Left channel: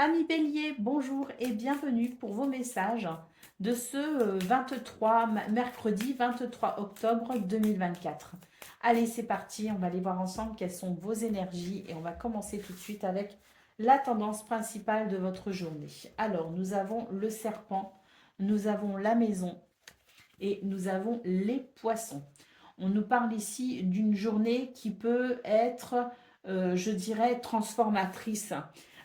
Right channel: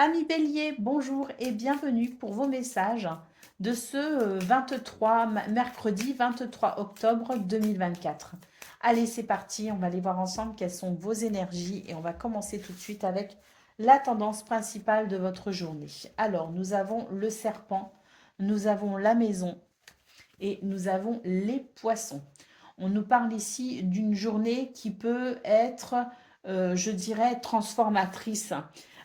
Amis Bélier, bonjour et bienvenue pour vos messages de ce 23, mercredi 23 octobre 2024. Allez, c'est parti, on va aller voir ensemble quelles sont vos énergies et on va commencer tout de suite avec la tendance principale de votre journée. Alors, nous avons le serpent, nous avons la maison et nous avons les poissons. On nous parle ici d'une journée qui peut être, je dirais, transformatrice.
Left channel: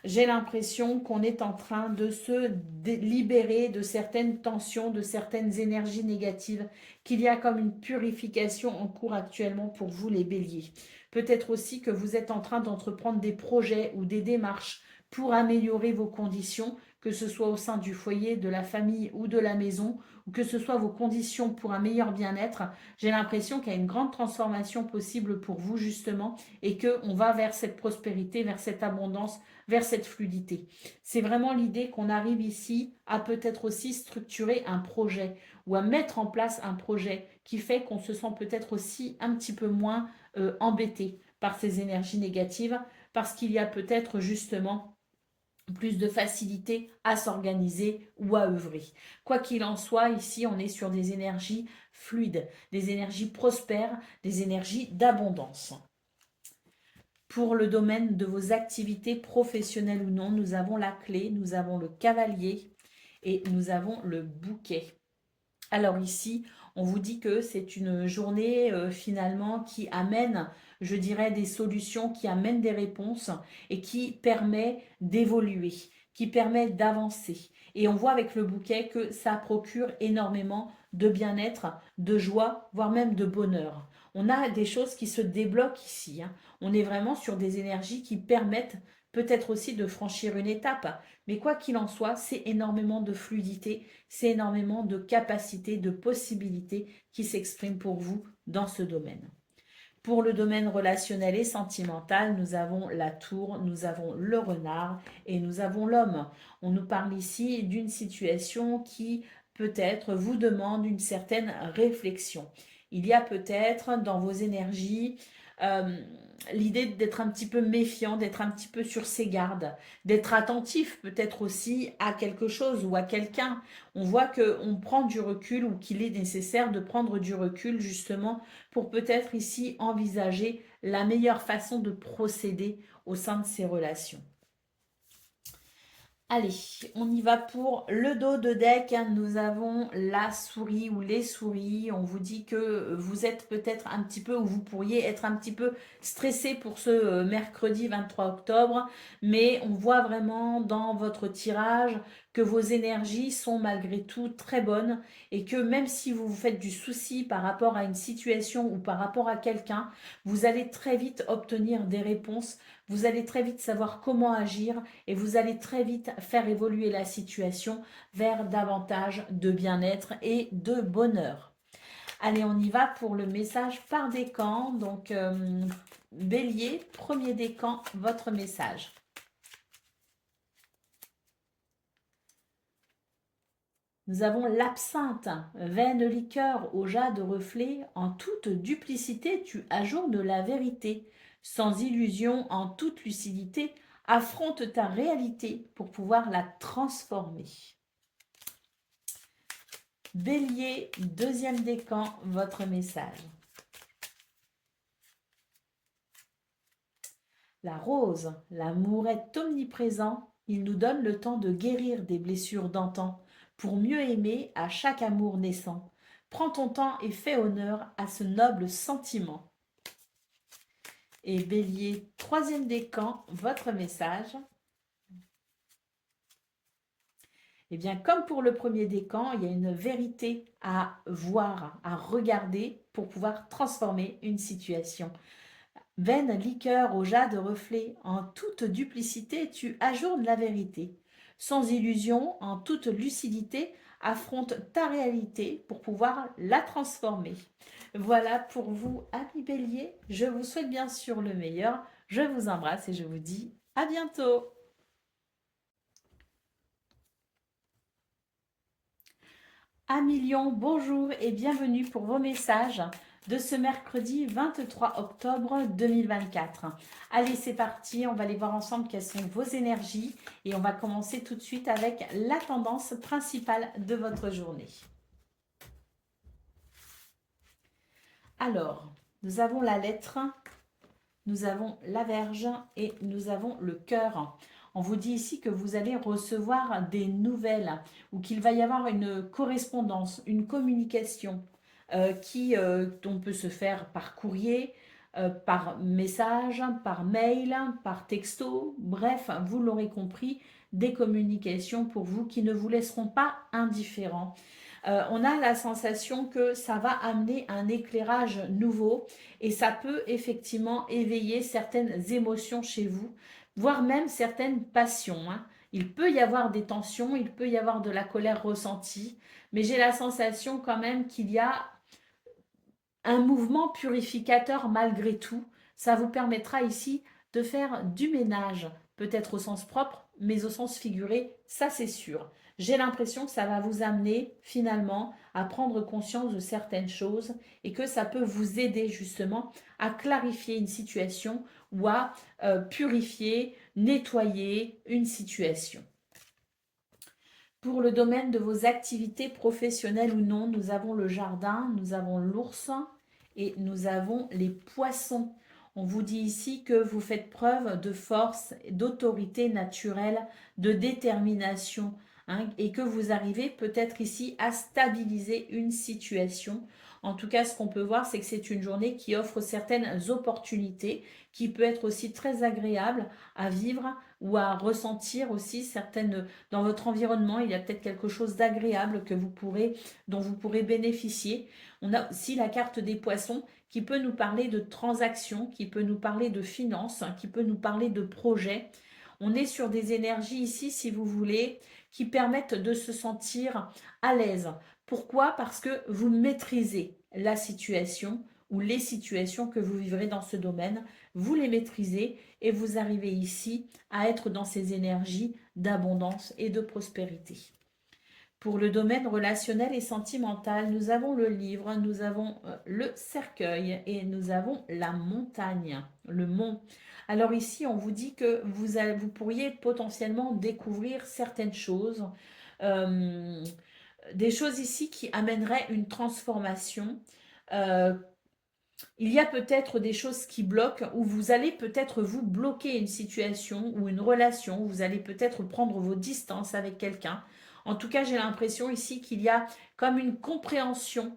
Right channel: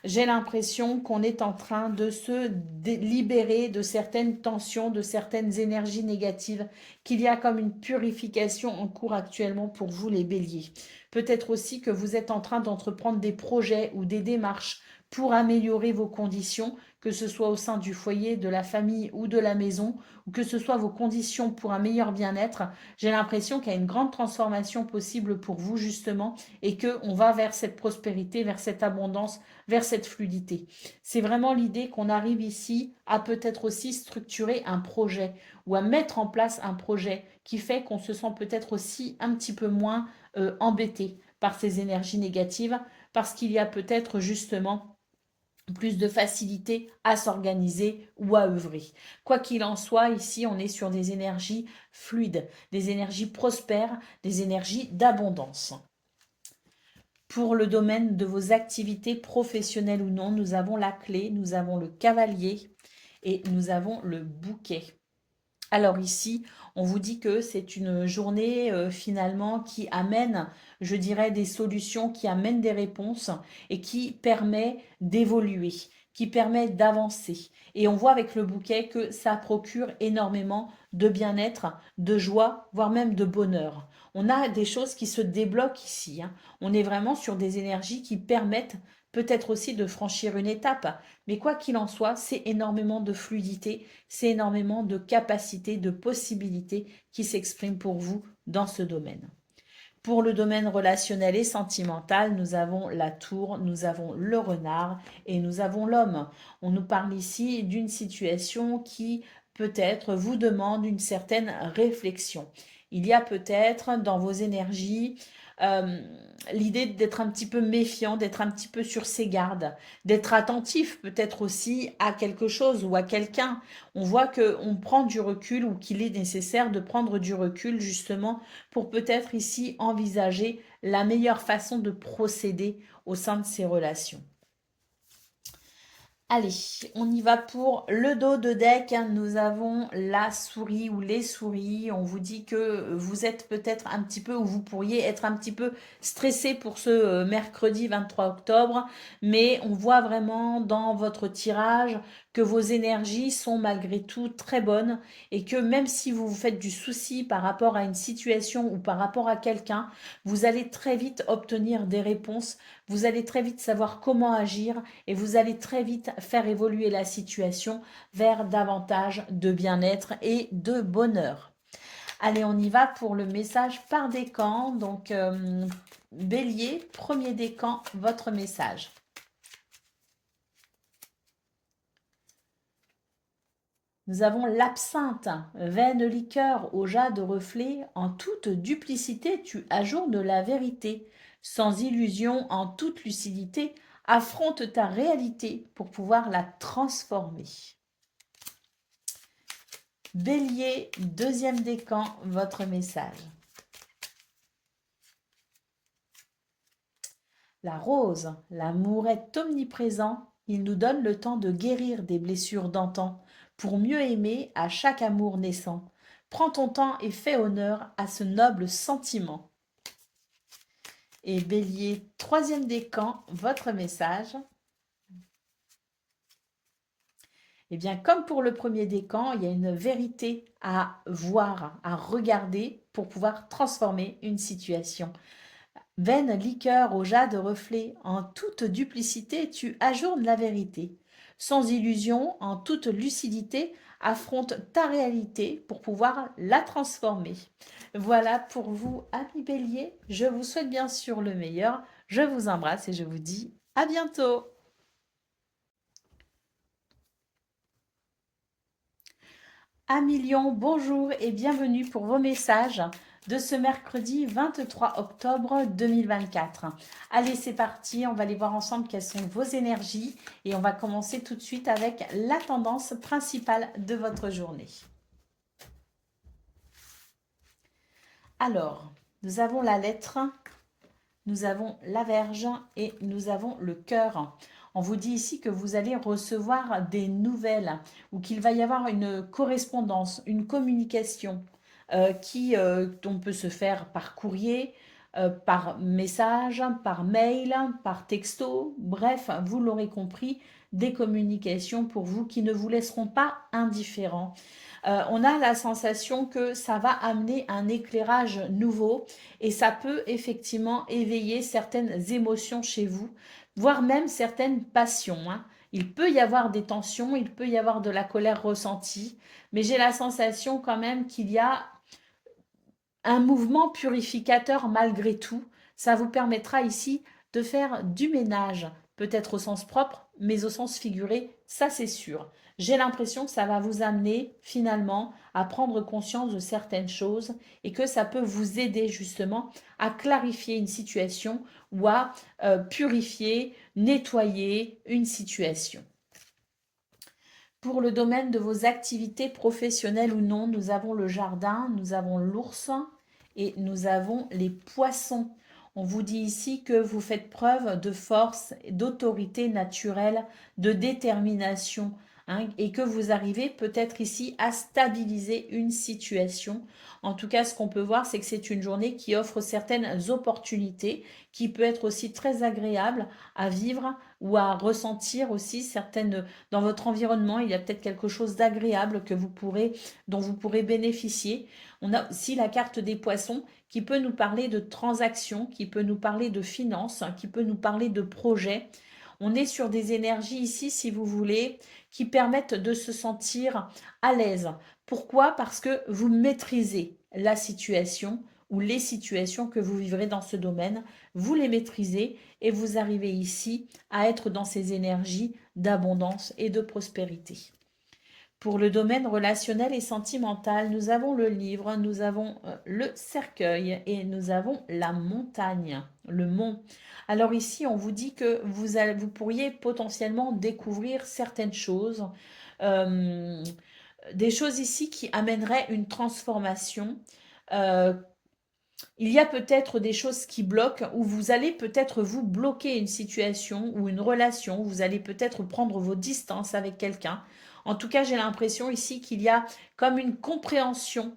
J'ai l'impression qu'on est en train de se libérer de certaines tensions, de certaines énergies négatives, qu'il y a comme une purification en cours actuellement pour vous les béliers. Peut-être aussi que vous êtes en train d'entreprendre des projets ou des démarches pour améliorer vos conditions, que ce soit au sein du foyer, de la famille ou de la maison, ou que ce soit vos conditions pour un meilleur bien-être. J'ai l'impression qu'il y a une grande transformation possible pour vous justement et qu'on va vers cette prospérité, vers cette abondance, vers cette fluidité. C'est vraiment l'idée qu'on arrive ici à peut-être aussi structurer un projet ou à mettre en place un projet qui fait qu'on se sent peut-être aussi un petit peu moins embêté par ces énergies négatives parce qu'il y a peut-être justement plus de facilité à s'organiser ou à œuvrer. Quoi qu'il en soit, ici, on est sur des énergies fluides, des énergies prospères, des énergies d'abondance. Pour le domaine de vos activités professionnelles ou non, nous avons la clé, nous avons le cavalier et nous avons le bouquet. Alors ici, on vous dit que c'est une journée finalement qui amène, je dirais, des solutions, qui amène des réponses et qui permet d'évoluer, qui permet d'avancer. Et on voit avec le bouquet que ça procure énormément de bien-être, de joie, voire même de bonheur. On a des choses qui se débloquent ici, hein. On est vraiment sur des énergies qui permettent peut-être aussi de franchir une étape. Mais quoi qu'il en soit, c'est énormément de fluidité, c'est énormément de capacités, de possibilités qui s'expriment pour vous dans ce domaine. Pour le domaine relationnel et sentimental, nous avons la tour, nous avons le renard et nous avons l'homme. On nous parle ici d'une situation qui peut-être vous demande une certaine réflexion. Il y a peut-être dans vos énergies euh, l'idée d'être un petit peu méfiant, d'être un petit peu sur ses gardes, d'être attentif peut-être aussi à quelque chose ou à quelqu'un. On voit qu'on prend du recul ou qu'il est nécessaire de prendre du recul justement pour peut-être ici envisager la meilleure façon de procéder au sein de ces relations. Allez, on y va pour le dos de deck, hein. Nous avons la souris ou les souris. On vous dit que vous êtes peut-être un petit peu, ou vous pourriez être un petit peu stressé pour ce mercredi 23 octobre, mais on voit vraiment dans votre tirage que vos énergies sont malgré tout très bonnes et que même si vous vous faites du souci par rapport à une situation ou par rapport à quelqu'un, vous allez très vite obtenir des réponses, vous allez très vite savoir comment agir et vous allez très vite faire évoluer la situation vers davantage de bien-être et de bonheur. Allez, on y va pour le message par décan. Donc, Bélier, premier décan, votre message. Nous avons l'absinthe, vaine liqueur au jade reflet, en toute duplicité tu ajournes la vérité, sans illusion, en toute lucidité, affronte ta réalité pour pouvoir la transformer. Bélier, deuxième décan, votre message. La rose, l'amour est omniprésent, il nous donne le temps de guérir des blessures d'antan, pour mieux aimer à chaque amour naissant. Prends ton temps et fais honneur à ce noble sentiment. Et Bélier, troisième décan, votre message. Eh bien, comme pour le premier décan, il y a une vérité à voir, à regarder pour pouvoir transformer une situation. Vaine liqueur au jade reflet, en toute duplicité tu ajournes la vérité. Sans illusion, en toute lucidité, affronte ta réalité pour pouvoir la transformer. Voilà pour vous, amis Bélier. Je vous souhaite bien sûr le meilleur. Je vous embrasse et je vous dis à bientôt. Amis Lion, bonjour et bienvenue pour vos messages de ce mercredi 23 octobre 2024. Allez, c'est parti, on va aller voir ensemble quelles sont vos énergies et on va commencer tout de suite avec la tendance principale de votre journée. Alors, nous avons la lettre, nous avons la Vierge et nous avons le cœur. On vous dit ici que vous allez recevoir des nouvelles ou qu'il va y avoir une correspondance, une communication on peut se faire par courrier, par message, par mail, par texto. Bref, vous l'aurez compris, des communications pour vous qui ne vous laisseront pas indifférents. On a la sensation que ça va amener un éclairage nouveau et ça peut effectivement éveiller certaines émotions chez vous, voire même certaines passions, hein. Il peut y avoir des tensions, il peut y avoir de la colère ressentie, mais j'ai la sensation quand même qu'il y a un mouvement purificateur malgré tout. Ça vous permettra ici de faire du ménage, peut-être au sens propre, mais au sens figuré, ça c'est sûr. J'ai l'impression que ça va vous amener finalement à prendre conscience de certaines choses et que ça peut vous aider justement à clarifier une situation ou à purifier, nettoyer une situation. Pour le domaine de vos activités professionnelles ou non, nous avons le jardin, nous avons l'ours et nous avons les poissons. On vous dit ici que vous faites preuve de force, d'autorité naturelle, de détermination, hein, et que vous arrivez peut-être ici à stabiliser une situation. En tout cas, ce qu'on peut voir, c'est que c'est une journée qui offre certaines opportunités, qui peut être aussi très agréable à vivre ou à ressentir aussi certaines dans votre environnement. Il y a peut-être quelque chose d'agréable dont vous pourrez bénéficier. On a aussi la carte des poissons qui peut nous parler de transactions, qui peut nous parler de finances, qui peut nous parler de projets. On est sur des énergies ici, si vous voulez, qui permettent de se sentir à l'aise. Pourquoi? Parce que vous maîtrisez la situation ou les situations que vous vivrez dans ce domaine. Vous les maîtrisez et vous arrivez ici à être dans ces énergies d'abondance et de prospérité. Pour le domaine relationnel et sentimental, nous avons le livre, nous avons le cercueil et nous avons la montagne, le mont. Alors ici, on vous dit que vous pourriez potentiellement découvrir certaines choses, euh, des choses ici qui amèneraient une transformation. Il y a peut-être des choses qui bloquent ou vous allez peut-être vous bloquer une situation ou une relation, vous allez peut-être prendre vos distances avec quelqu'un. En tout cas, j'ai l'impression ici qu'il y a comme une compréhension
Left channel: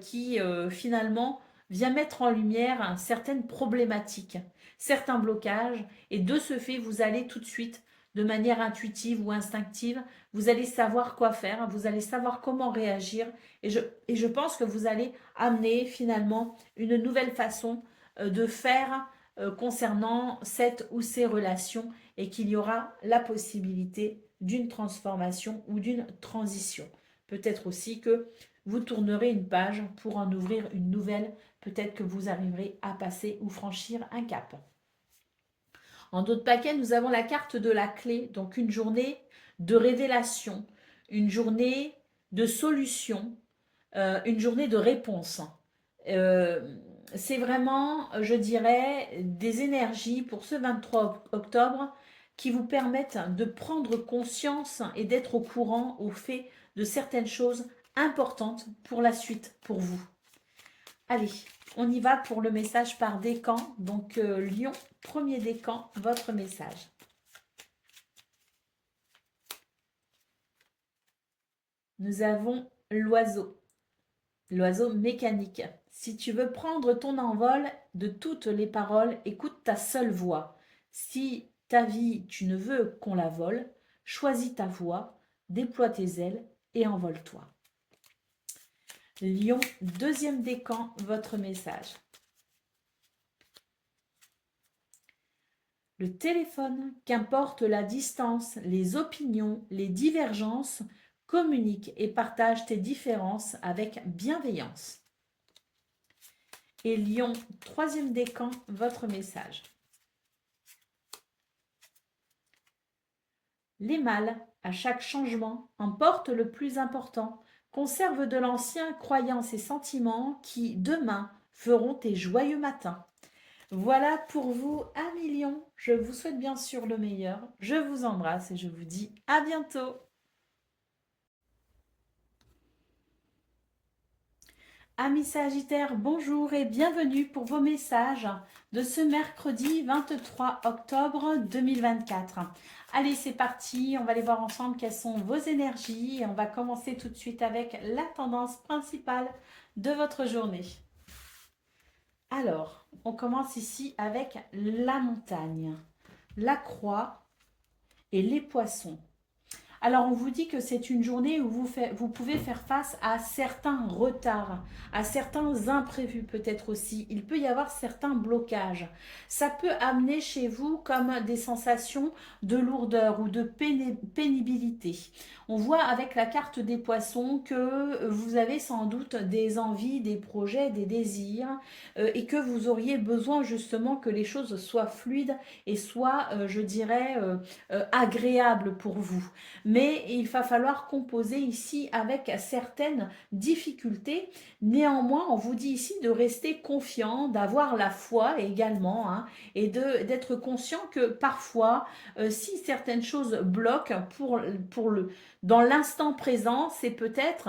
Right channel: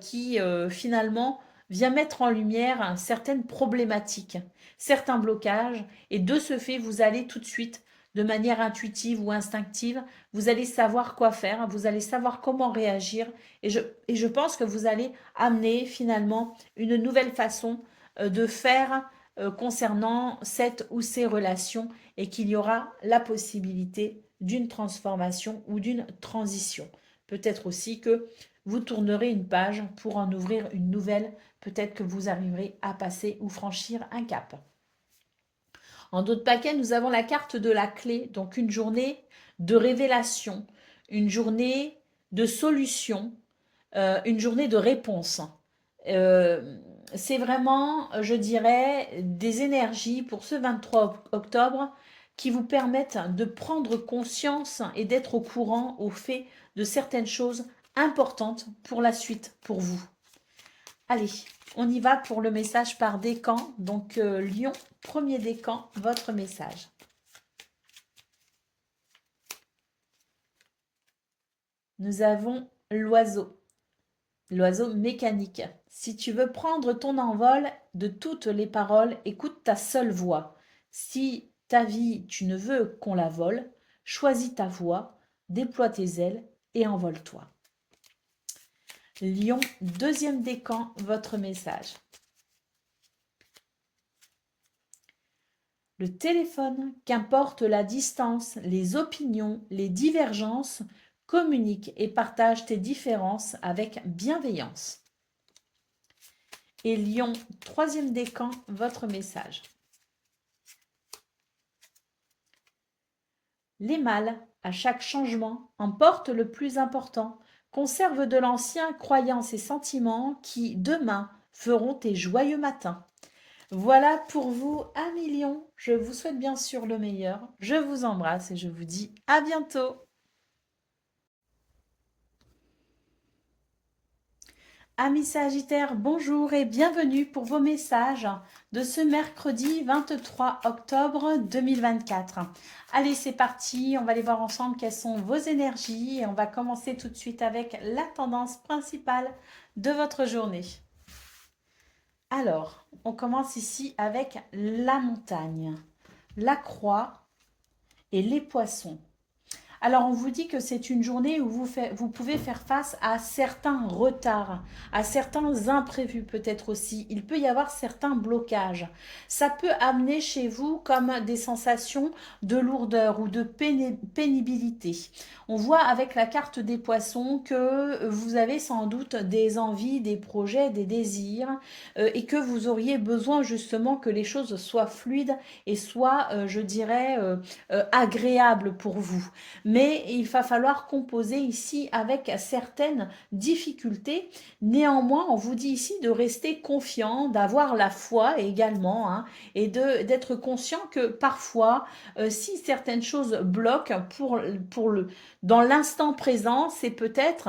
qui finalement vient mettre en lumière certaines problématiques, certains blocages et de ce fait, vous allez tout de suite de manière intuitive ou instinctive, vous allez savoir quoi faire, vous allez savoir comment réagir et je pense que vous allez amener finalement une nouvelle façon de faire concernant cette ou ces relations et qu'il y aura la possibilité d'une transformation ou d'une transition. Peut-être aussi que vous tournerez une page pour en ouvrir une nouvelle. Peut-être que vous arriverez à passer ou franchir un cap. En d'autres paquets, nous avons la carte de la clé, donc une journée de révélation, une journée de solution, une journée de réponse. C'est vraiment, je dirais, des énergies pour ce 23 octobre qui vous permettent de prendre conscience et d'être au courant au fait de certaines choses importantes pour la suite, pour vous. Allez, on y va pour le message par décan. Donc, Lion, premier décan, votre message. Nous avons l'oiseau. L'oiseau mécanique. Si tu veux prendre ton envol de toutes les paroles, écoute ta seule voix. Si ta vie, tu ne veux qu'on la vole, choisis ta voix, déploie tes ailes et envole-toi. Lion, deuxième décan, votre message. Le téléphone, qu'importe la distance, les opinions, les divergences, communique et partage tes différences avec bienveillance. Et Lion, troisième décan, votre message. Les mâles, à chaque changement, emportent le plus important. Conserve de l'ancien croyances et sentiments qui, demain, feront tes joyeux matins. Voilà pour vous, amis lions. Je vous souhaite bien sûr le meilleur. Je vous embrasse et je vous dis à bientôt. Amis Sagittaires, bonjour et bienvenue pour vos messages de ce mercredi 23 octobre 2024. Allez, c'est parti, on va aller voir ensemble quelles sont vos énergies et on va commencer tout de suite avec la tendance principale de votre journée. Alors, on commence ici avec la montagne, la croix et les poissons. Alors, on vous dit que c'est une journée où vous pouvez faire face à certains retards, à certains imprévus peut-être aussi. Il peut y avoir certains blocages. Ça peut amener chez vous comme des sensations de lourdeur ou de pénibilité. On voit avec la carte des poissons que vous avez sans doute des envies, des projets, des désirs et que vous auriez besoin justement que les choses soient fluides et soient, je dirais, agréables pour vous. Mais il va falloir composer ici avec certaines difficultés. Néanmoins, on vous dit ici de rester confiant, d'avoir la foi également, hein, et d'être conscient que parfois, si certaines choses bloquent dans l'instant présent, c'est peut-être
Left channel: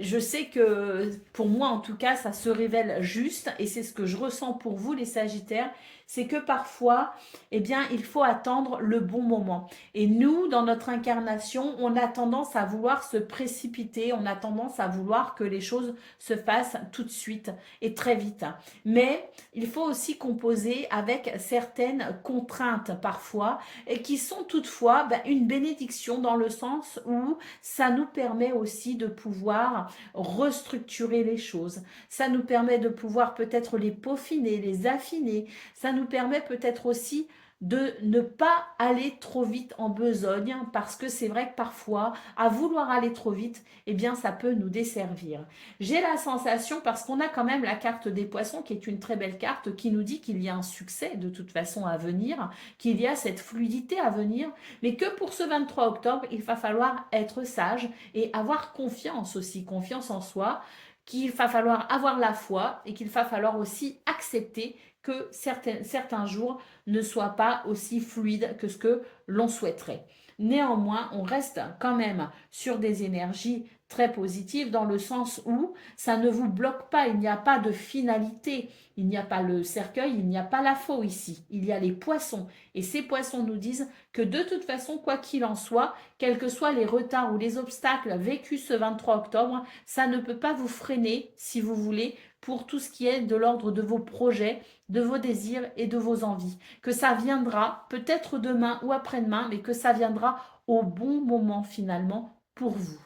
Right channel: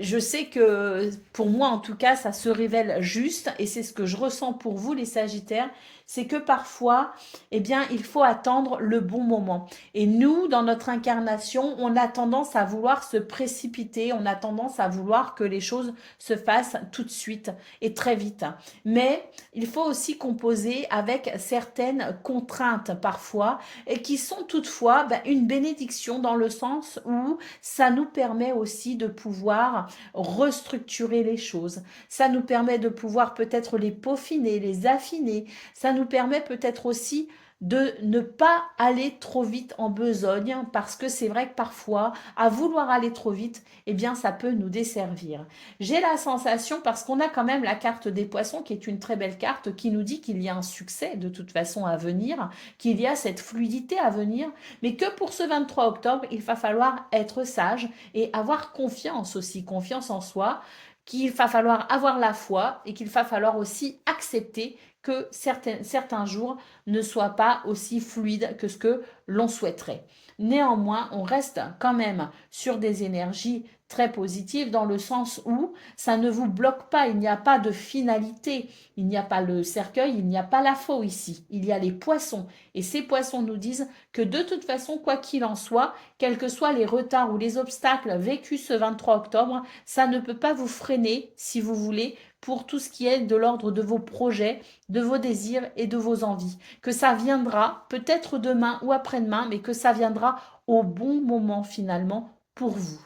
je sais que pour moi, en tout cas, ça se révèle juste et c'est ce que je ressens pour vous, les Sagittaires, c'est que parfois, eh bien, il faut attendre le bon moment. Et nous, dans notre incarnation, on a tendance à vouloir se précipiter, on a tendance à vouloir que les choses se fassent tout de suite et très vite. Mais il faut aussi composer avec certaines contraintes parfois et qui sont toutefois une bénédiction dans le sens où ça nous permet aussi de pouvoir restructurer les choses. Ça nous permet de pouvoir peut-être les peaufiner, les affiner. Ça nous permet peut-être aussi de ne pas aller trop vite en besogne parce que c'est vrai que parfois, à vouloir aller trop vite, eh bien, ça peut nous desservir. J'ai la sensation, parce qu'on a quand même la carte des poissons qui est une très belle carte qui nous dit qu'il y a un succès de toute façon à venir, qu'il y a cette fluidité à venir, mais que pour ce 23 octobre, il va falloir être sage et avoir confiance aussi, confiance en soi, qu'il va falloir avoir la foi et qu'il va falloir aussi accepter que certains jours ne soient pas aussi fluides que ce que l'on souhaiterait. Néanmoins, on reste quand même sur des énergies très positives dans le sens où ça ne vous bloque pas, il n'y a pas de finalité, il n'y a pas le cercueil, il n'y a pas la faux ici, il y a les poissons. Et ces poissons nous disent que de toute façon, quoi qu'il en soit, quels que soient les retards ou les obstacles vécus ce 23 octobre, ça ne peut pas vous freiner, si vous voulez, pour tout ce qui est de l'ordre de vos projets, de vos désirs et de vos envies. Que ça viendra peut-être demain ou après-demain, mais que ça viendra au bon moment finalement pour vous.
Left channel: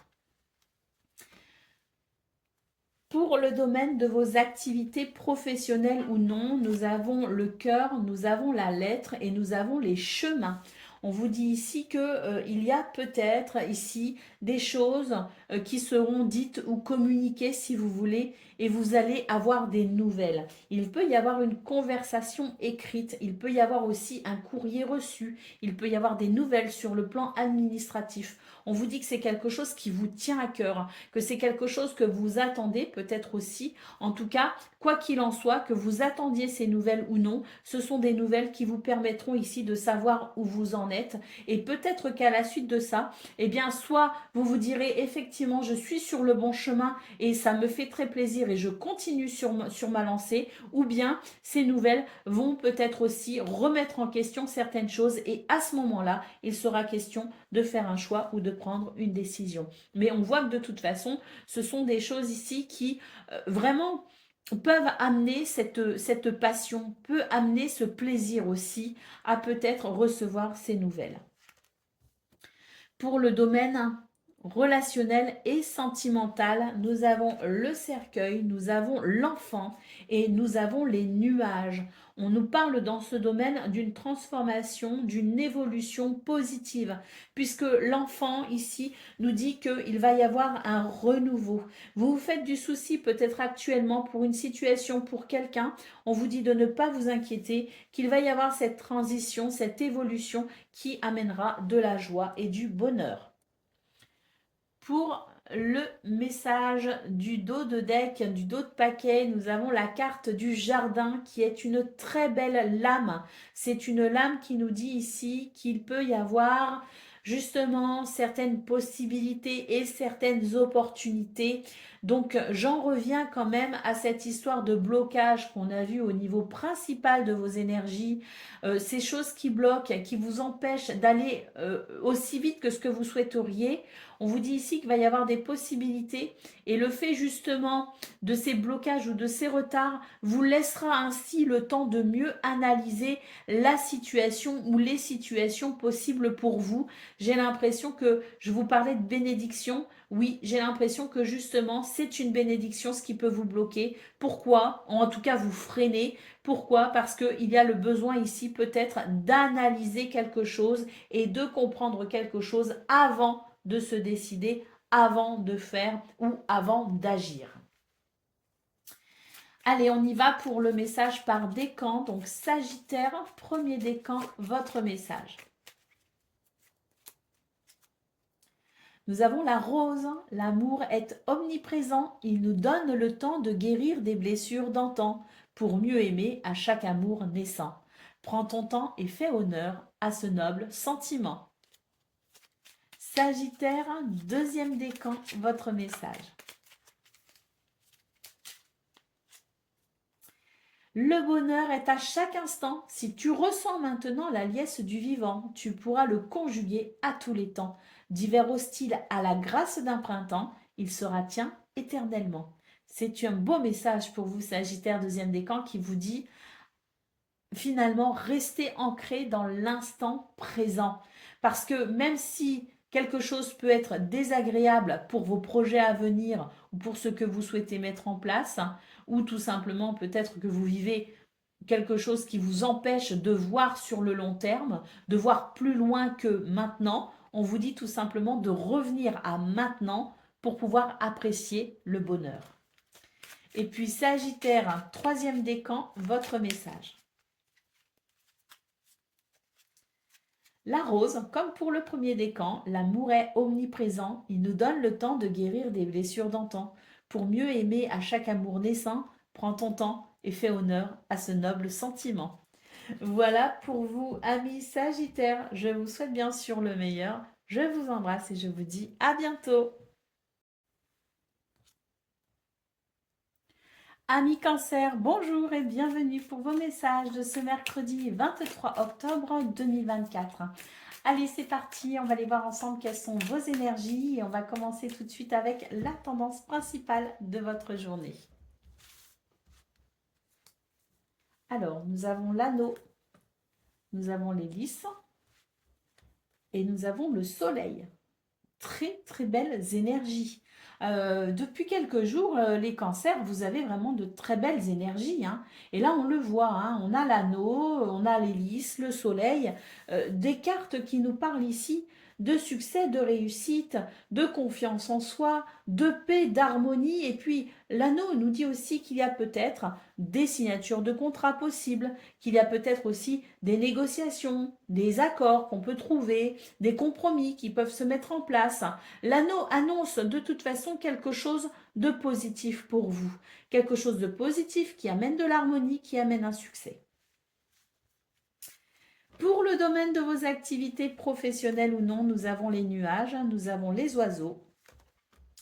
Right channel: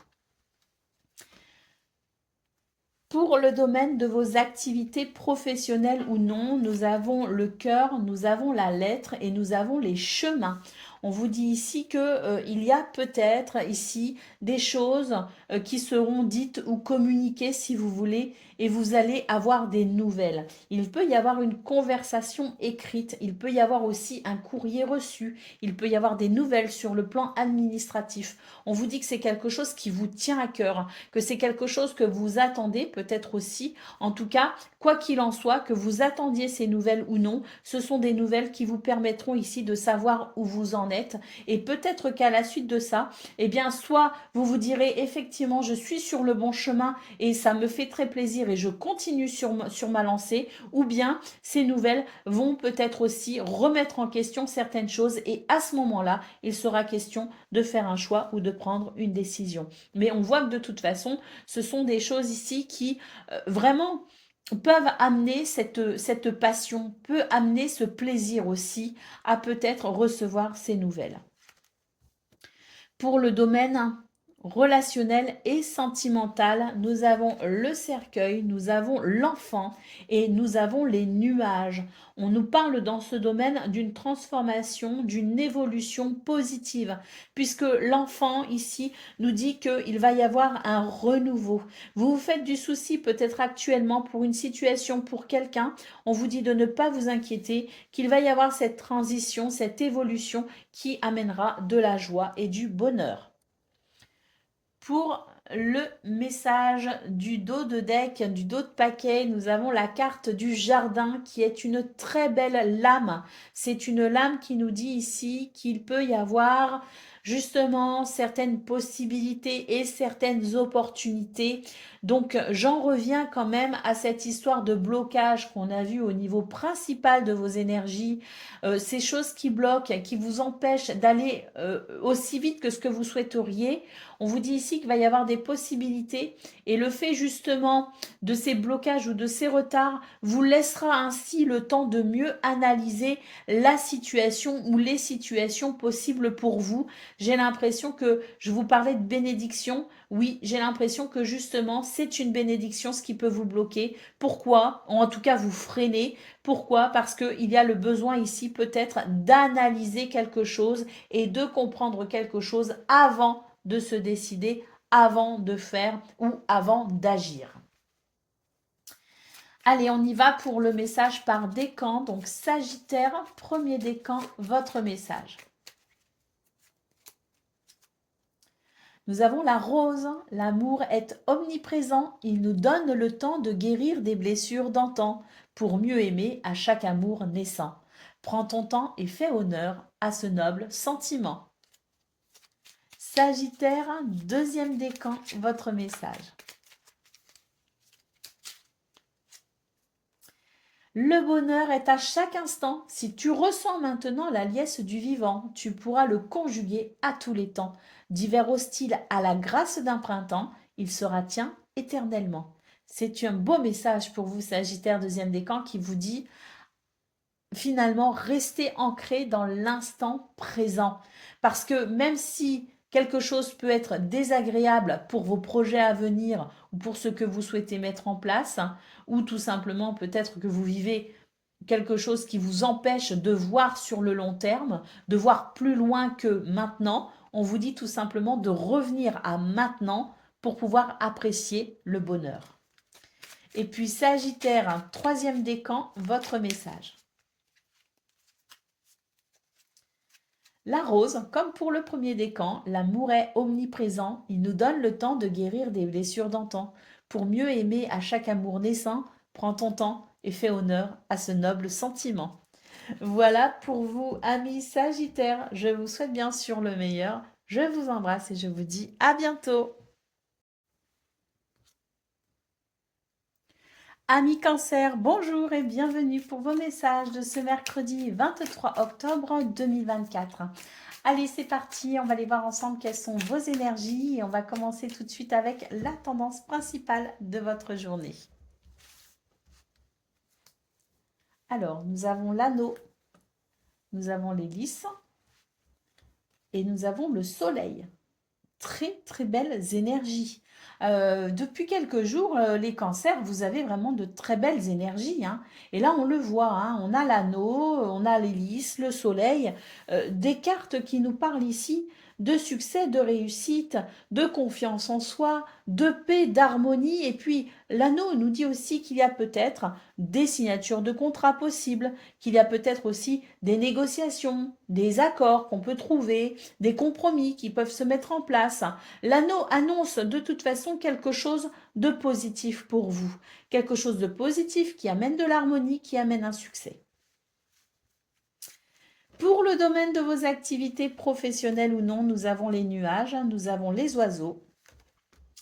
Pour le domaine de vos activités professionnelles ou non, nous avons le cœur, nous avons la lettre et nous avons les chemins. On vous dit ici que il y a peut-être ici des choses qui seront dites ou communiquées si vous voulez et vous allez avoir des nouvelles. Il peut y avoir une conversation écrite, il peut y avoir aussi un courrier reçu, il peut y avoir des nouvelles sur le plan administratif. On vous dit que c'est quelque chose qui vous tient à cœur, que c'est quelque chose que vous attendez peut-être aussi. En tout cas, quoi qu'il en soit, que vous attendiez ces nouvelles ou non, ce sont des nouvelles qui vous permettront ici de savoir où vous en êtes. Et peut-être qu'à la suite de ça, eh bien, soit vous vous direz effectivement, je suis sur le bon chemin et ça me fait très plaisir et je continue sur ma lancée, ou bien ces nouvelles vont peut-être aussi remettre en question certaines choses et à ce moment-là, il sera question de faire un choix ou de prendre une décision. Mais on voit que de toute façon, ce sont des choses ici qui vraiment peuvent amener cette passion, peut amener ce plaisir aussi à peut-être recevoir ces nouvelles. Pour le domaine relationnel et sentimental, nous avons le cercueil, nous avons l'enfant et nous avons les nuages. On nous parle dans ce domaine d'une transformation, d'une évolution positive, puisque l'enfant ici nous dit qu'il va y avoir un renouveau. Vous vous faites du souci peut-être actuellement pour une situation, pour quelqu'un. On vous dit de ne pas vous inquiéter, qu'il va y avoir cette transition, cette évolution qui amènera de la joie et du bonheur. Pour le message du dos de deck, du dos de paquet. Nous avons la carte du jardin qui est une très belle lame. C'est une lame qui nous dit ici qu'il peut y avoir justement certaines possibilités et certaines opportunités. Donc j'en reviens quand même à cette histoire de blocage qu'on a vu au niveau principal de vos énergies, ces choses qui bloquent, qui vous empêchent d'aller aussi vite que ce que vous souhaiteriez. On vous dit ici qu'il va y avoir des possibilités et le fait justement de ces blocages ou de ces retards vous laissera ainsi le temps de mieux analyser la situation ou les situations possibles pour vous. J'ai l'impression que je vous parlais de bénédiction. Oui, j'ai l'impression que justement c'est une bénédiction ce qui peut vous bloquer. Pourquoi? En tout cas vous freiner. Pourquoi? Parce qu'il y a le besoin ici peut-être d'analyser quelque chose et de comprendre quelque chose avant de se décider, avant de faire ou avant d'agir. Allez, on y va pour le message par décan. Donc Sagittaire, premier décan, votre message. Nous avons la rose. L'amour est omniprésent. Il nous donne le temps de guérir des blessures d'antan pour mieux aimer à chaque amour naissant. Prends ton temps et fais honneur à ce noble sentiment. Sagittaire, deuxième décan, votre message. Le bonheur est à chaque instant. Si tu ressens maintenant la liesse du vivant, tu pourras le conjuguer à tous les temps. D'hiver hostile à la grâce d'un printemps, il sera tien éternellement. C'est un beau message pour vous, Sagittaire, deuxième décan, qui vous dit finalement restez ancré dans l'instant présent. Parce que même si quelque chose peut être désagréable pour vos projets à venir ou pour ce que vous souhaitez mettre en place, ou tout simplement peut-être que vous vivez quelque chose qui vous empêche de voir sur le long terme, de voir plus loin que maintenant, on vous dit tout simplement de revenir à maintenant pour pouvoir apprécier le bonheur. Et puis Sagittaire, troisième décan, votre message. La rose, comme pour le premier décan, l'amour est omniprésent. Il nous donne le temps de guérir des blessures d'antan. Pour mieux aimer à chaque amour naissant, prends ton temps et fais honneur à ce noble sentiment. Voilà pour vous, amis Sagittaires. Je vous souhaite bien sûr le meilleur. Je vous embrasse et je vous dis à bientôt. Amis Cancer, bonjour et bienvenue pour vos messages de ce mercredi 23 octobre 2024. Allez, c'est parti, on va aller voir ensemble quelles sont vos énergies et on va commencer tout de suite avec la tendance principale de votre journée. Alors, nous avons l'anneau, nous avons l'hélice et nous avons le soleil. Très, très belles énergies. Depuis quelques jours, les cancers, vous avez vraiment de très belles énergies, hein. Et là, on le voit, hein, on a l'anneau, on a l'hélice, le soleil, des cartes qui nous parlent ici de succès, de réussite, de confiance en soi, de paix, d'harmonie. Et puis, l'anneau nous dit aussi qu'il y a peut-être des signatures de contrats possibles, qu'il y a peut-être aussi des négociations, des accords qu'on peut trouver, des compromis qui peuvent se mettre en place. L'anneau annonce de toute façon quelque chose de positif pour vous, quelque chose de positif qui amène de l'harmonie, qui amène un succès. Pour le domaine de vos activités professionnelles ou non, nous avons les nuages, nous avons les oiseaux,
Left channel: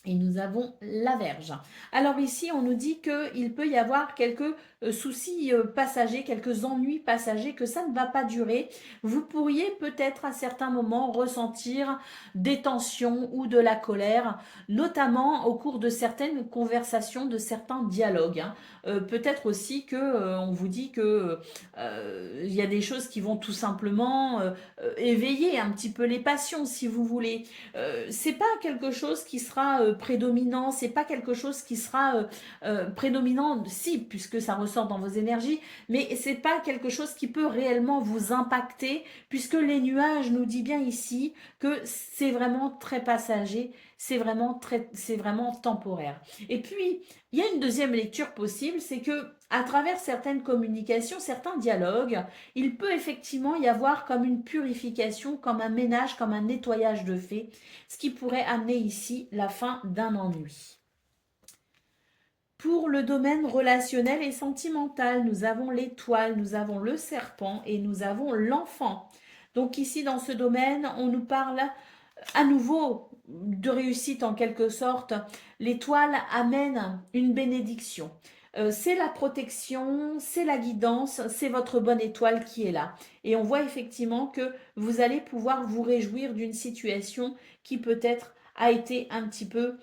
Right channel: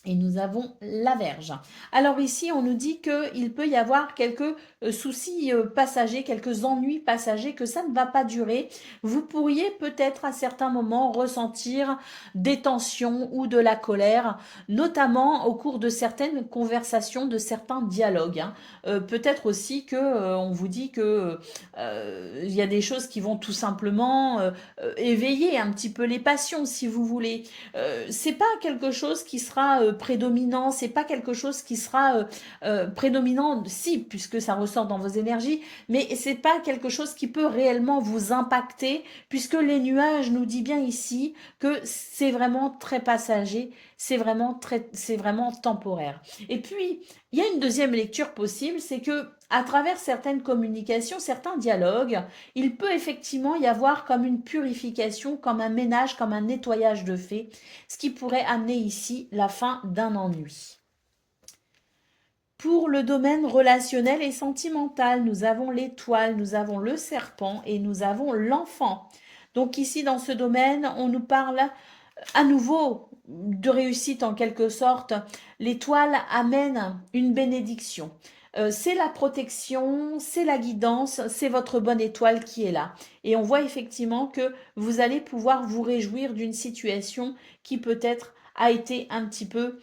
et nous avons la Vierge. Alors ici, on nous dit qu'il peut y avoir quelques soucis passagers, quelques ennuis passagers, que ça ne va pas durer. Vous pourriez peut-être à certains moments ressentir des tensions ou de la colère, notamment au cours de certaines conversations, de certains dialogues, hein. Peut-être aussi que on vous dit que il y a des choses qui vont tout simplement éveiller un petit peu les passions, si vous voulez. C'est pas quelque chose qui sera prédominant, c'est pas quelque chose qui sera prédominant, si, puisque ça ressort dans vos énergies, mais c'est pas quelque chose qui peut réellement vous impacter, puisque les nuages nous dit bien ici que c'est vraiment très passager, c'est vraiment temporaire. Et puis il y a une deuxième lecture possible, c'est que à travers certaines communications, certains dialogues, il peut effectivement y avoir comme une purification, comme un ménage, comme un nettoyage de fait, ce qui pourrait amener ici la fin d'un ennui. Pour le domaine relationnel et sentimental, nous avons l'étoile, nous avons le serpent et nous avons l'enfant. Donc ici, dans ce domaine, on nous parle à nouveau de réussite en quelque sorte. L'étoile amène une bénédiction. C'est la protection, c'est la guidance, c'est votre bonne étoile qui est là. Et on voit effectivement que vous allez pouvoir vous réjouir d'une situation qui peut-être a été un petit peu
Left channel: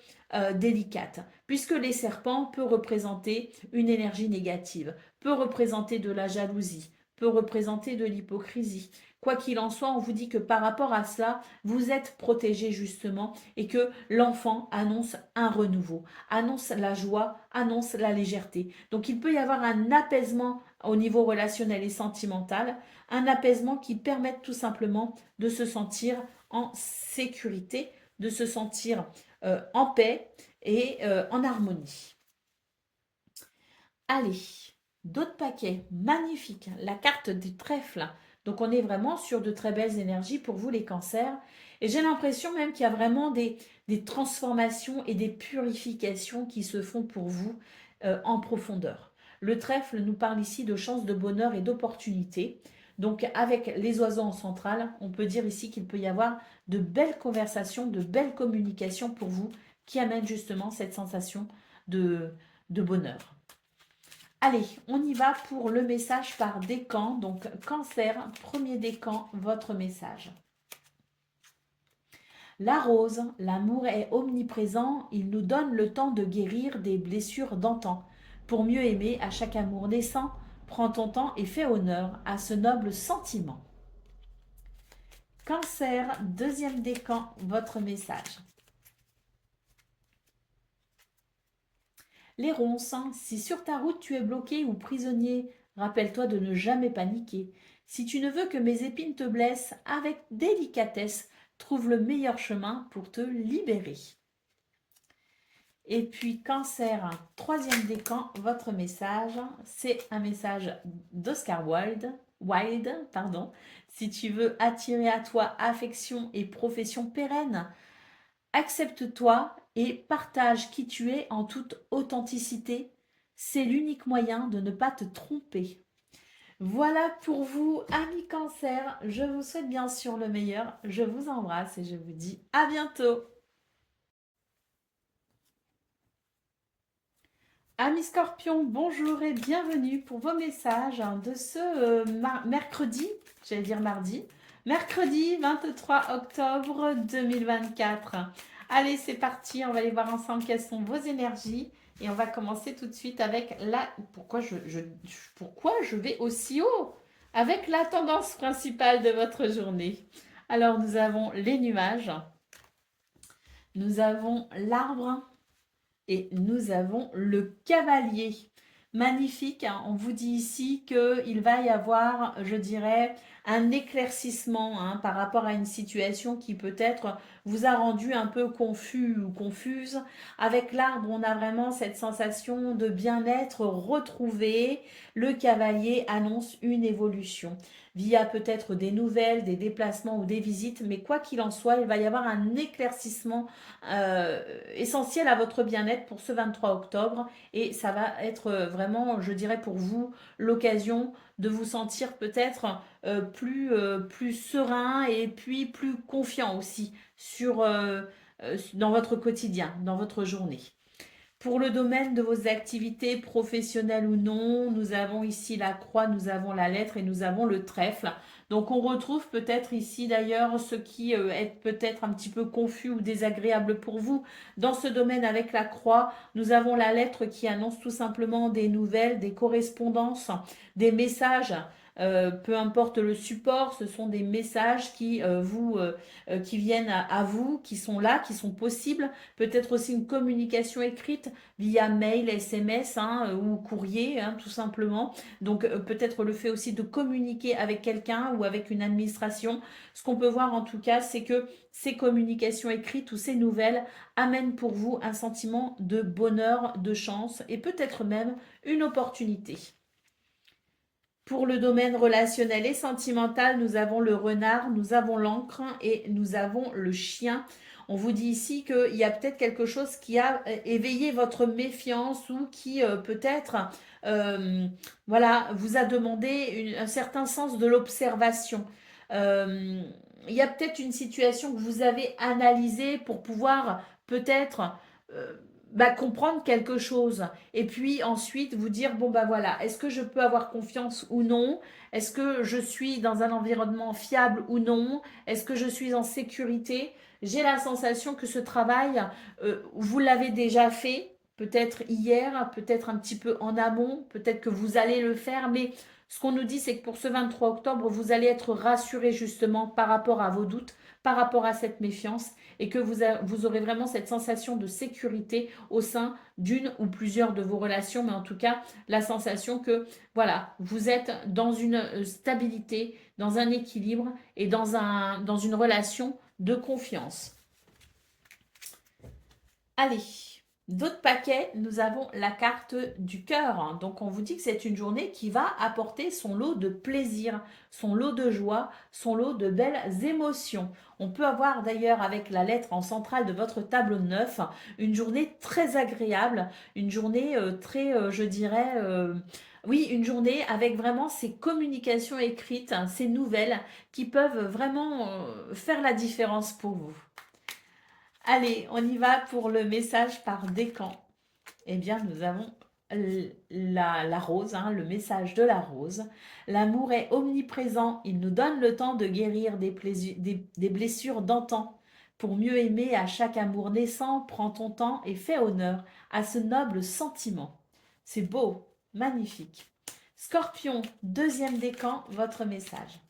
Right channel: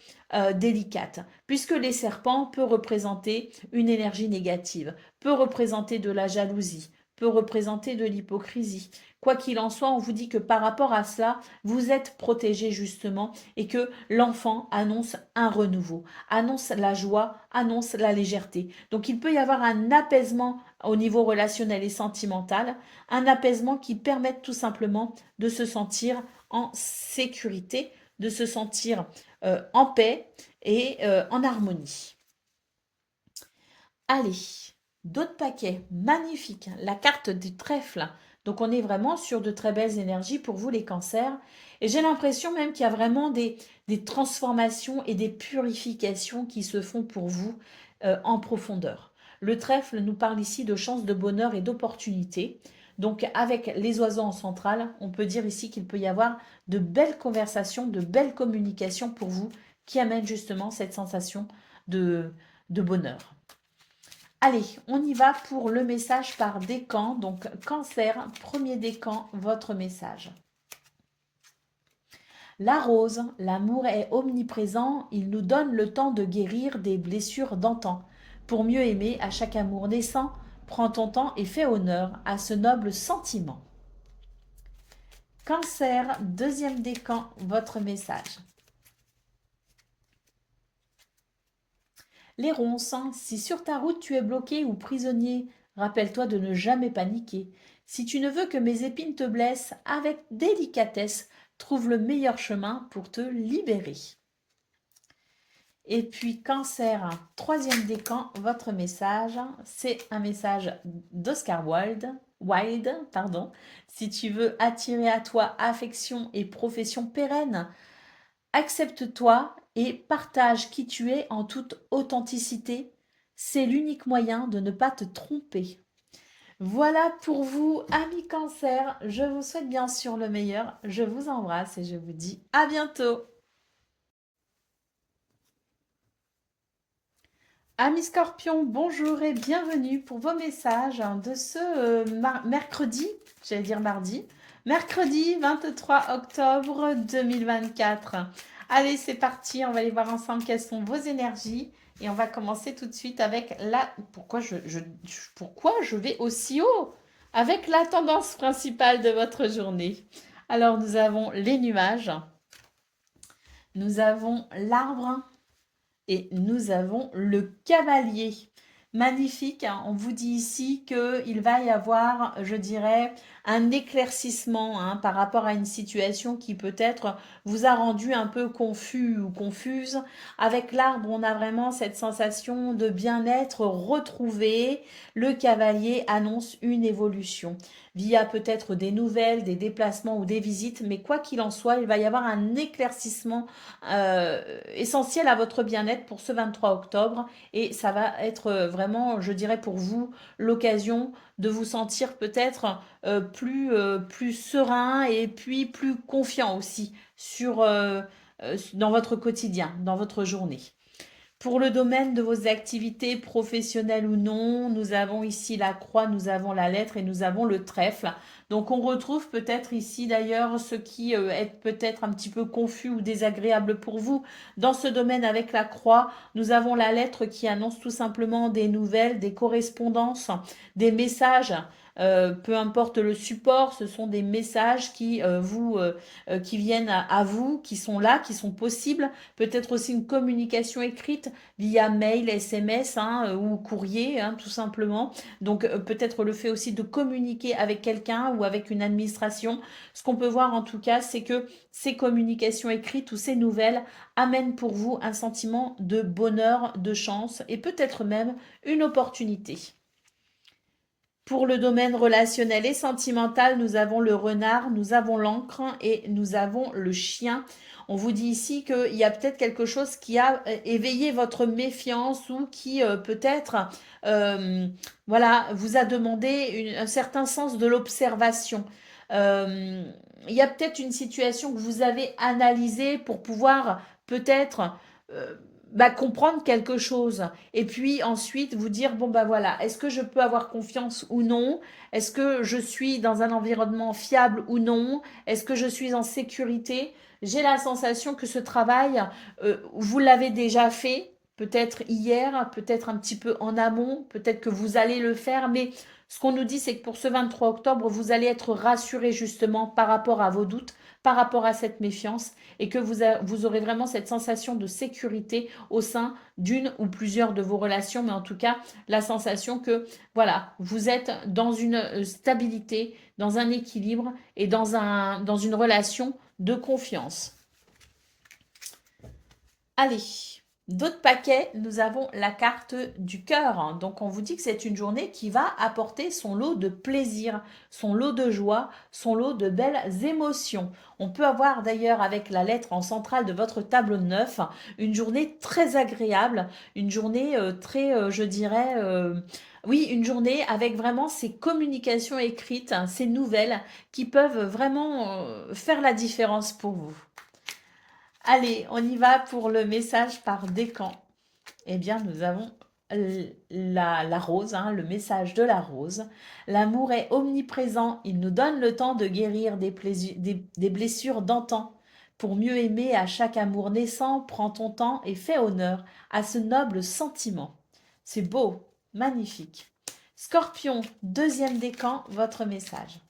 délicate, puisque les serpents peuvent représenter une énergie négative, peut représenter de la jalousie, peut représenter de l'hypocrisie. Quoi qu'il en soit, on vous dit que par rapport à cela, vous êtes protégé justement et que l'enfant annonce un renouveau, annonce la joie, annonce la légèreté. Donc il peut y avoir un apaisement au niveau relationnel et sentimental, un apaisement qui permette tout simplement de se sentir en sécurité, de se sentir en paix et en harmonie. Allez, d'autres paquets, magnifiques. La carte du trèfle. Donc on est vraiment sur de très belles énergies pour vous les cancers. Et j'ai l'impression même qu'il y a vraiment des transformations et des purifications qui se font pour vous en profondeur. Le trèfle nous parle ici de chances de bonheur et d'opportunités. Donc avec les oiseaux en centrale, on peut dire ici qu'il peut y avoir de belles conversations, de belles communications pour vous qui amènent justement cette sensation de bonheur. Allez, on y va pour le message par décan. Donc, cancer, premier décan, votre message. La rose, l'amour est omniprésent, il nous donne le temps de guérir des blessures d'antan. Pour mieux aimer, à chaque amour naissant, prends ton temps et fais honneur à ce noble sentiment. Cancer, deuxième décan, votre message. Les ronces, si sur ta route tu es bloqué ou prisonnier, rappelle-toi de ne jamais paniquer. Si tu ne veux que mes épines te blessent, avec délicatesse, trouve le meilleur chemin pour te libérer. Et puis cancer, troisième décan, votre message, c'est un message d'Oscar Wilde. Si tu veux attirer à toi affection et profession pérenne, accepte-toi et partage qui tu es en toute authenticité. C'est l'unique moyen de ne pas te tromper. Voilà pour vous, amis cancer. Je vous souhaite bien sûr le meilleur. Je vous embrasse et je vous dis à bientôt. Amis Scorpions, bonjour et bienvenue pour vos messages de ce mercredi, j'allais dire mardi, mercredi 23 octobre 2024. Allez, c'est parti, on va aller voir ensemble quelles sont vos énergies et on va commencer tout de suite avec la... Pourquoi je vais aussi haut? Avec la tendance principale de votre journée. Alors, nous avons les nuages, nous avons l'arbre, et nous avons le cavalier. Magnifique, hein. On vous dit ici qu'il va y avoir, je dirais, un éclaircissement par rapport à une situation qui peut-être vous a rendu un peu confus ou confuse. Avec l'arbre, on a vraiment cette sensation de bien-être retrouvé. Le cavalier annonce une évolution via peut-être des nouvelles, des déplacements ou des visites, mais quoi qu'il en soit, il va y avoir un éclaircissement essentiel à votre bien-être pour ce 23 octobre et ça va être vraiment, je dirais pour vous, l'occasion de vous sentir peut-être plus serein et puis plus confiant aussi dans votre quotidien, dans votre journée. Pour le domaine de vos activités professionnelles ou non, nous avons ici la croix, nous avons la lettre et nous avons le trèfle. Donc on retrouve peut-être ici d'ailleurs ce qui est peut-être un petit peu confus ou désagréable pour vous. Dans ce domaine avec la croix, nous avons la lettre qui annonce tout simplement des nouvelles, des correspondances, des messages peu importe le support, ce sont des messages qui viennent à vous, qui sont là, qui sont possibles. Peut-être aussi une communication écrite via mail, SMS ou courrier, tout simplement. Donc peut-être le fait aussi de communiquer avec quelqu'un ou avec une administration. Ce qu'on peut voir en tout cas, c'est que ces communications écrites ou ces nouvelles amènent pour vous un sentiment de bonheur, de chance et peut-être même une opportunité. Pour le domaine relationnel et sentimental, nous avons le renard, nous avons l'encre et nous avons le chien. On vous dit ici qu'il y a peut-être quelque chose qui a éveillé votre méfiance ou qui peut-être euh, voilà, vous a demandé un certain sens de l'observation. Euh, il y a peut-être une situation que vous avez analysée pour pouvoir peut-être euh, comprendre quelque chose. Et puis ensuite, vous dire, bon bah voilà, est-ce que je peux avoir confiance ou non? Est-ce que je suis dans un environnement fiable ou non? Est-ce que je suis en sécurité? J'ai la sensation que ce travail, vous l'avez déjà fait, peut-être hier, peut-être un petit peu en amont, peut-être que vous allez le faire, mais ce qu'on nous dit, c'est que pour ce 23 octobre, vous allez être rassuré justement par rapport à vos doutes, par rapport à cette méfiance, et que vous aurez vraiment cette sensation de sécurité au sein d'une ou plusieurs de vos relations, mais en tout cas, la sensation que, voilà, vous êtes dans une stabilité, dans un équilibre et dans une relation de confiance. Allez, d'autres paquets, nous avons la carte du cœur. Donc on vous dit que c'est une journée qui va apporter son lot de plaisir, son lot de joie, son lot de belles émotions. On peut avoir d'ailleurs avec la lettre en centrale de votre tableau de 9 une journée très agréable, une journée très, je dirais, oui, une journée avec vraiment ces communications écrites, ces nouvelles qui peuvent vraiment faire la différence pour vous. Allez, on y va pour le message par décan. Eh bien, nous avons la rose, le message de la rose. L'amour est omniprésent, il nous donne le temps de guérir des blessures d'antan. Pour mieux aimer à chaque amour naissant, prends ton temps et fais honneur à ce noble sentiment. C'est beau, magnifique. Scorpion, deuxième décan, votre message.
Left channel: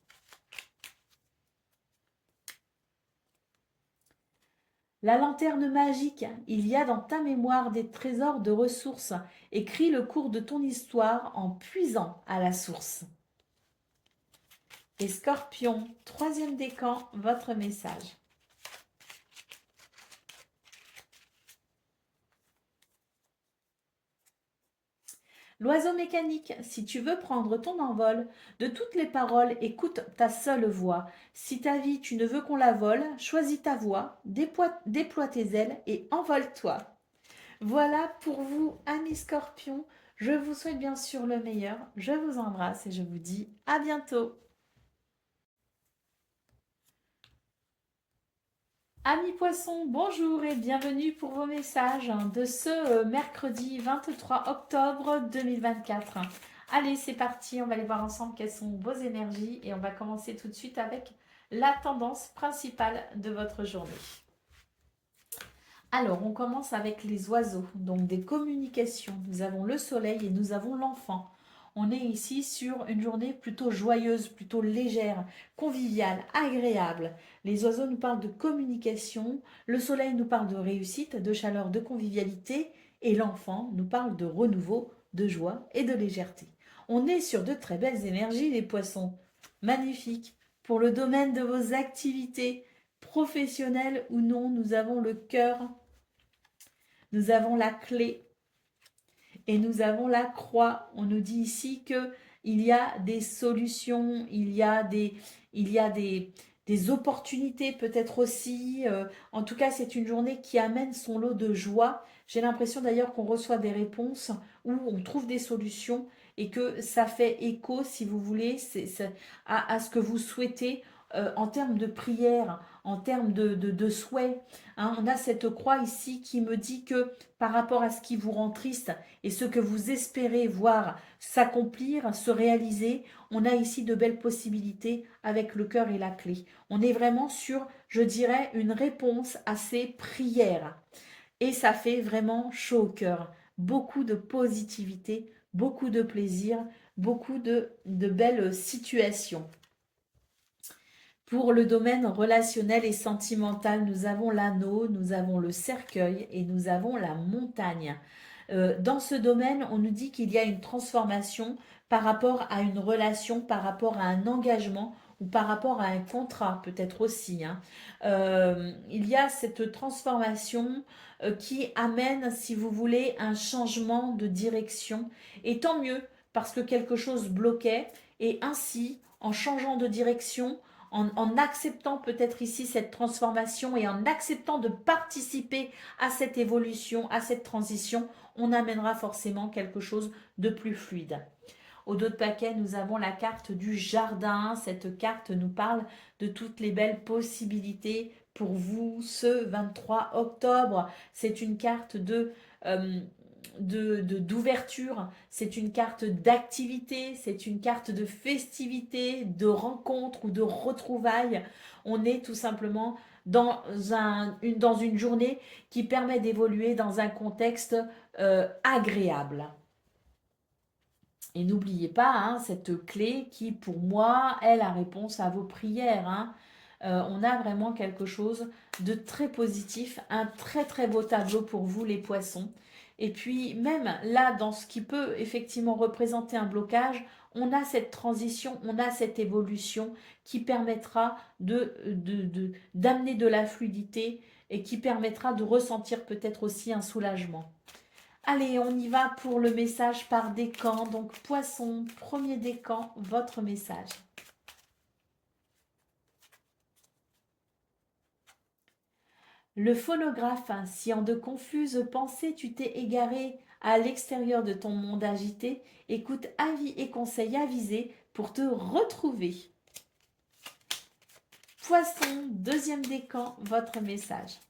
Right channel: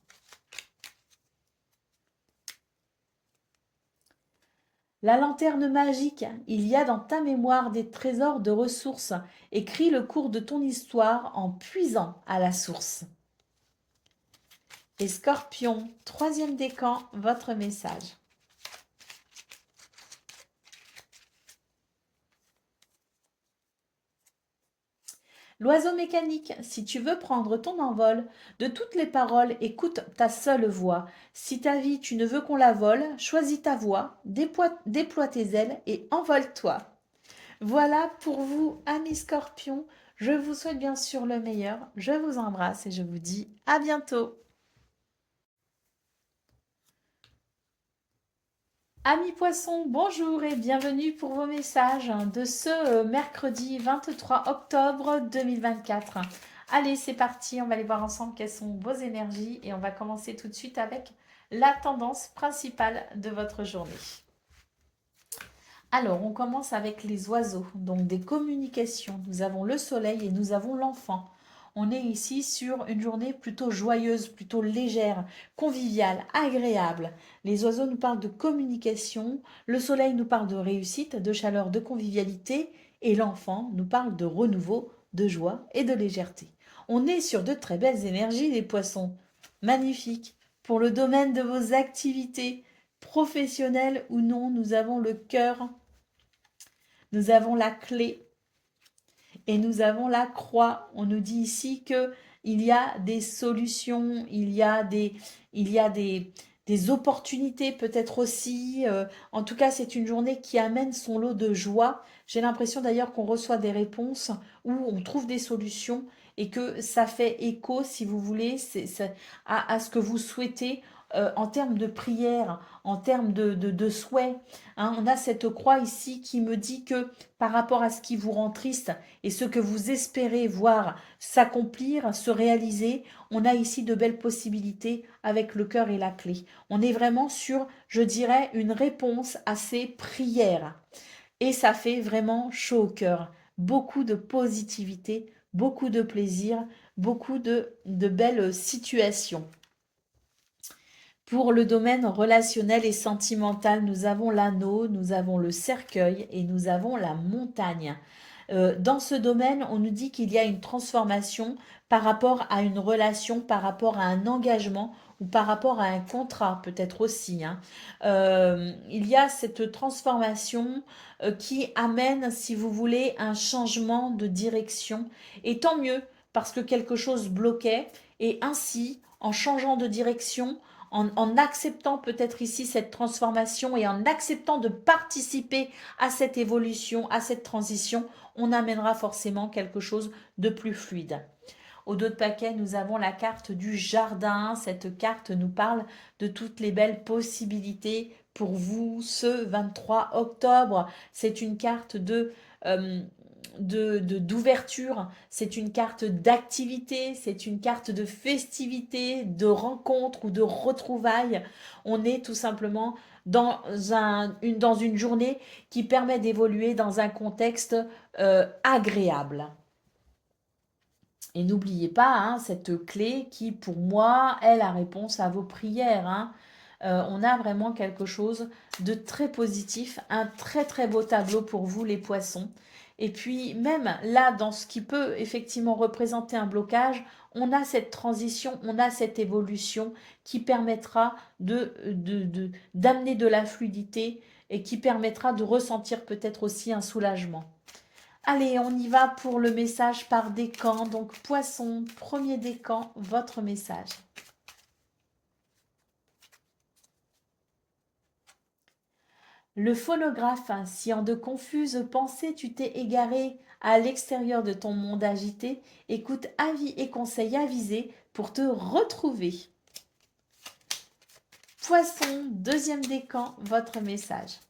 La lanterne magique, il y a dans ta mémoire des trésors de ressources. Écris le cours de ton histoire en puisant à la source. Et Scorpion, troisième décan, votre message. L'oiseau mécanique, si tu veux prendre ton envol, de toutes les paroles, écoute ta seule voix. Si ta vie, tu ne veux qu'on la vole, choisis ta voix, déploie tes ailes et envole-toi. Voilà pour vous, amis scorpions. Je vous souhaite bien sûr le meilleur. Je vous embrasse et je vous dis à bientôt. Amis poissons, bonjour et bienvenue pour vos messages de ce mercredi 23 octobre 2024. Allez, c'est parti, on va aller voir ensemble quelles sont vos énergies et on va commencer tout de suite avec la tendance principale de votre journée. Alors, on commence avec les oiseaux, donc des communications. Nous avons le soleil et nous avons l'enfant. On est ici sur une journée plutôt joyeuse, plutôt légère, conviviale, agréable. Les oiseaux nous parlent de communication, le soleil nous parle de réussite, de chaleur, de convivialité, et l'enfant nous parle de renouveau, de joie et de légèreté. On est sur de très belles énergies, les poissons. Magnifique. Pour le domaine de vos activités, professionnelles ou non, nous avons le cœur. Nous avons la clé et nous avons la croix. On nous dit ici que il y a des solutions, des opportunités peut-être aussi. En tout cas, c'est une journée qui amène son lot de joie. J'ai l'impression d'ailleurs qu'on reçoit des réponses où on trouve des solutions et que ça fait écho, si vous voulez, à ce que vous souhaitez en termes de prière, en termes de souhait. On a cette croix ici qui me dit que par rapport à ce qui vous rend triste et ce que vous espérez voir s'accomplir, se réaliser, on a ici de belles possibilités avec le cœur et la clé. On est vraiment sur, je dirais, une réponse à ces prières. Et ça fait vraiment chaud au cœur. Beaucoup de positivité, beaucoup de plaisir, beaucoup de belles situations. Pour le domaine relationnel et sentimental, nous avons l'anneau, nous avons le cercueil et nous avons la montagne. Dans ce domaine, on nous dit qu'il y a une transformation par rapport à une relation, par rapport à un engagement ou par rapport à un contrat, peut-être aussi, hein. Il y a cette transformation qui amène, si vous voulez, un changement de direction. Et tant mieux, parce que quelque chose bloquait. Et ainsi, en changeant de direction, en acceptant peut-être ici cette transformation et en acceptant de participer à cette évolution, à cette transition, on amènera forcément quelque chose de plus fluide. Au dos de paquet, nous avons la carte du jardin. Cette carte nous parle de toutes les belles possibilités pour vous ce 23 octobre. C'est une carte euh, d'ouverture, c'est une carte d'activité, c'est une carte de festivité, de rencontre ou de retrouvailles. On est tout simplement dans une journée qui permet d'évoluer dans un contexte agréable. Et n'oubliez pas, hein, cette clé qui, pour moi, est la réponse à vos prières, hein. On a vraiment quelque chose de très positif, un très très beau tableau pour vous les poissons. Et puis même là, dans ce qui peut effectivement représenter un blocage, on a cette transition, on a cette évolution qui permettra d'amener de la fluidité et qui permettra de ressentir peut-être aussi un soulagement. Allez, on y va pour le message par décan. Donc, poisson, premier décan, votre message. Le phonographe, si en de confuses pensées tu t'es égaré à l'extérieur de ton monde agité, écoute avis et conseils avisés pour te retrouver. Poisson, deuxième décan, votre message.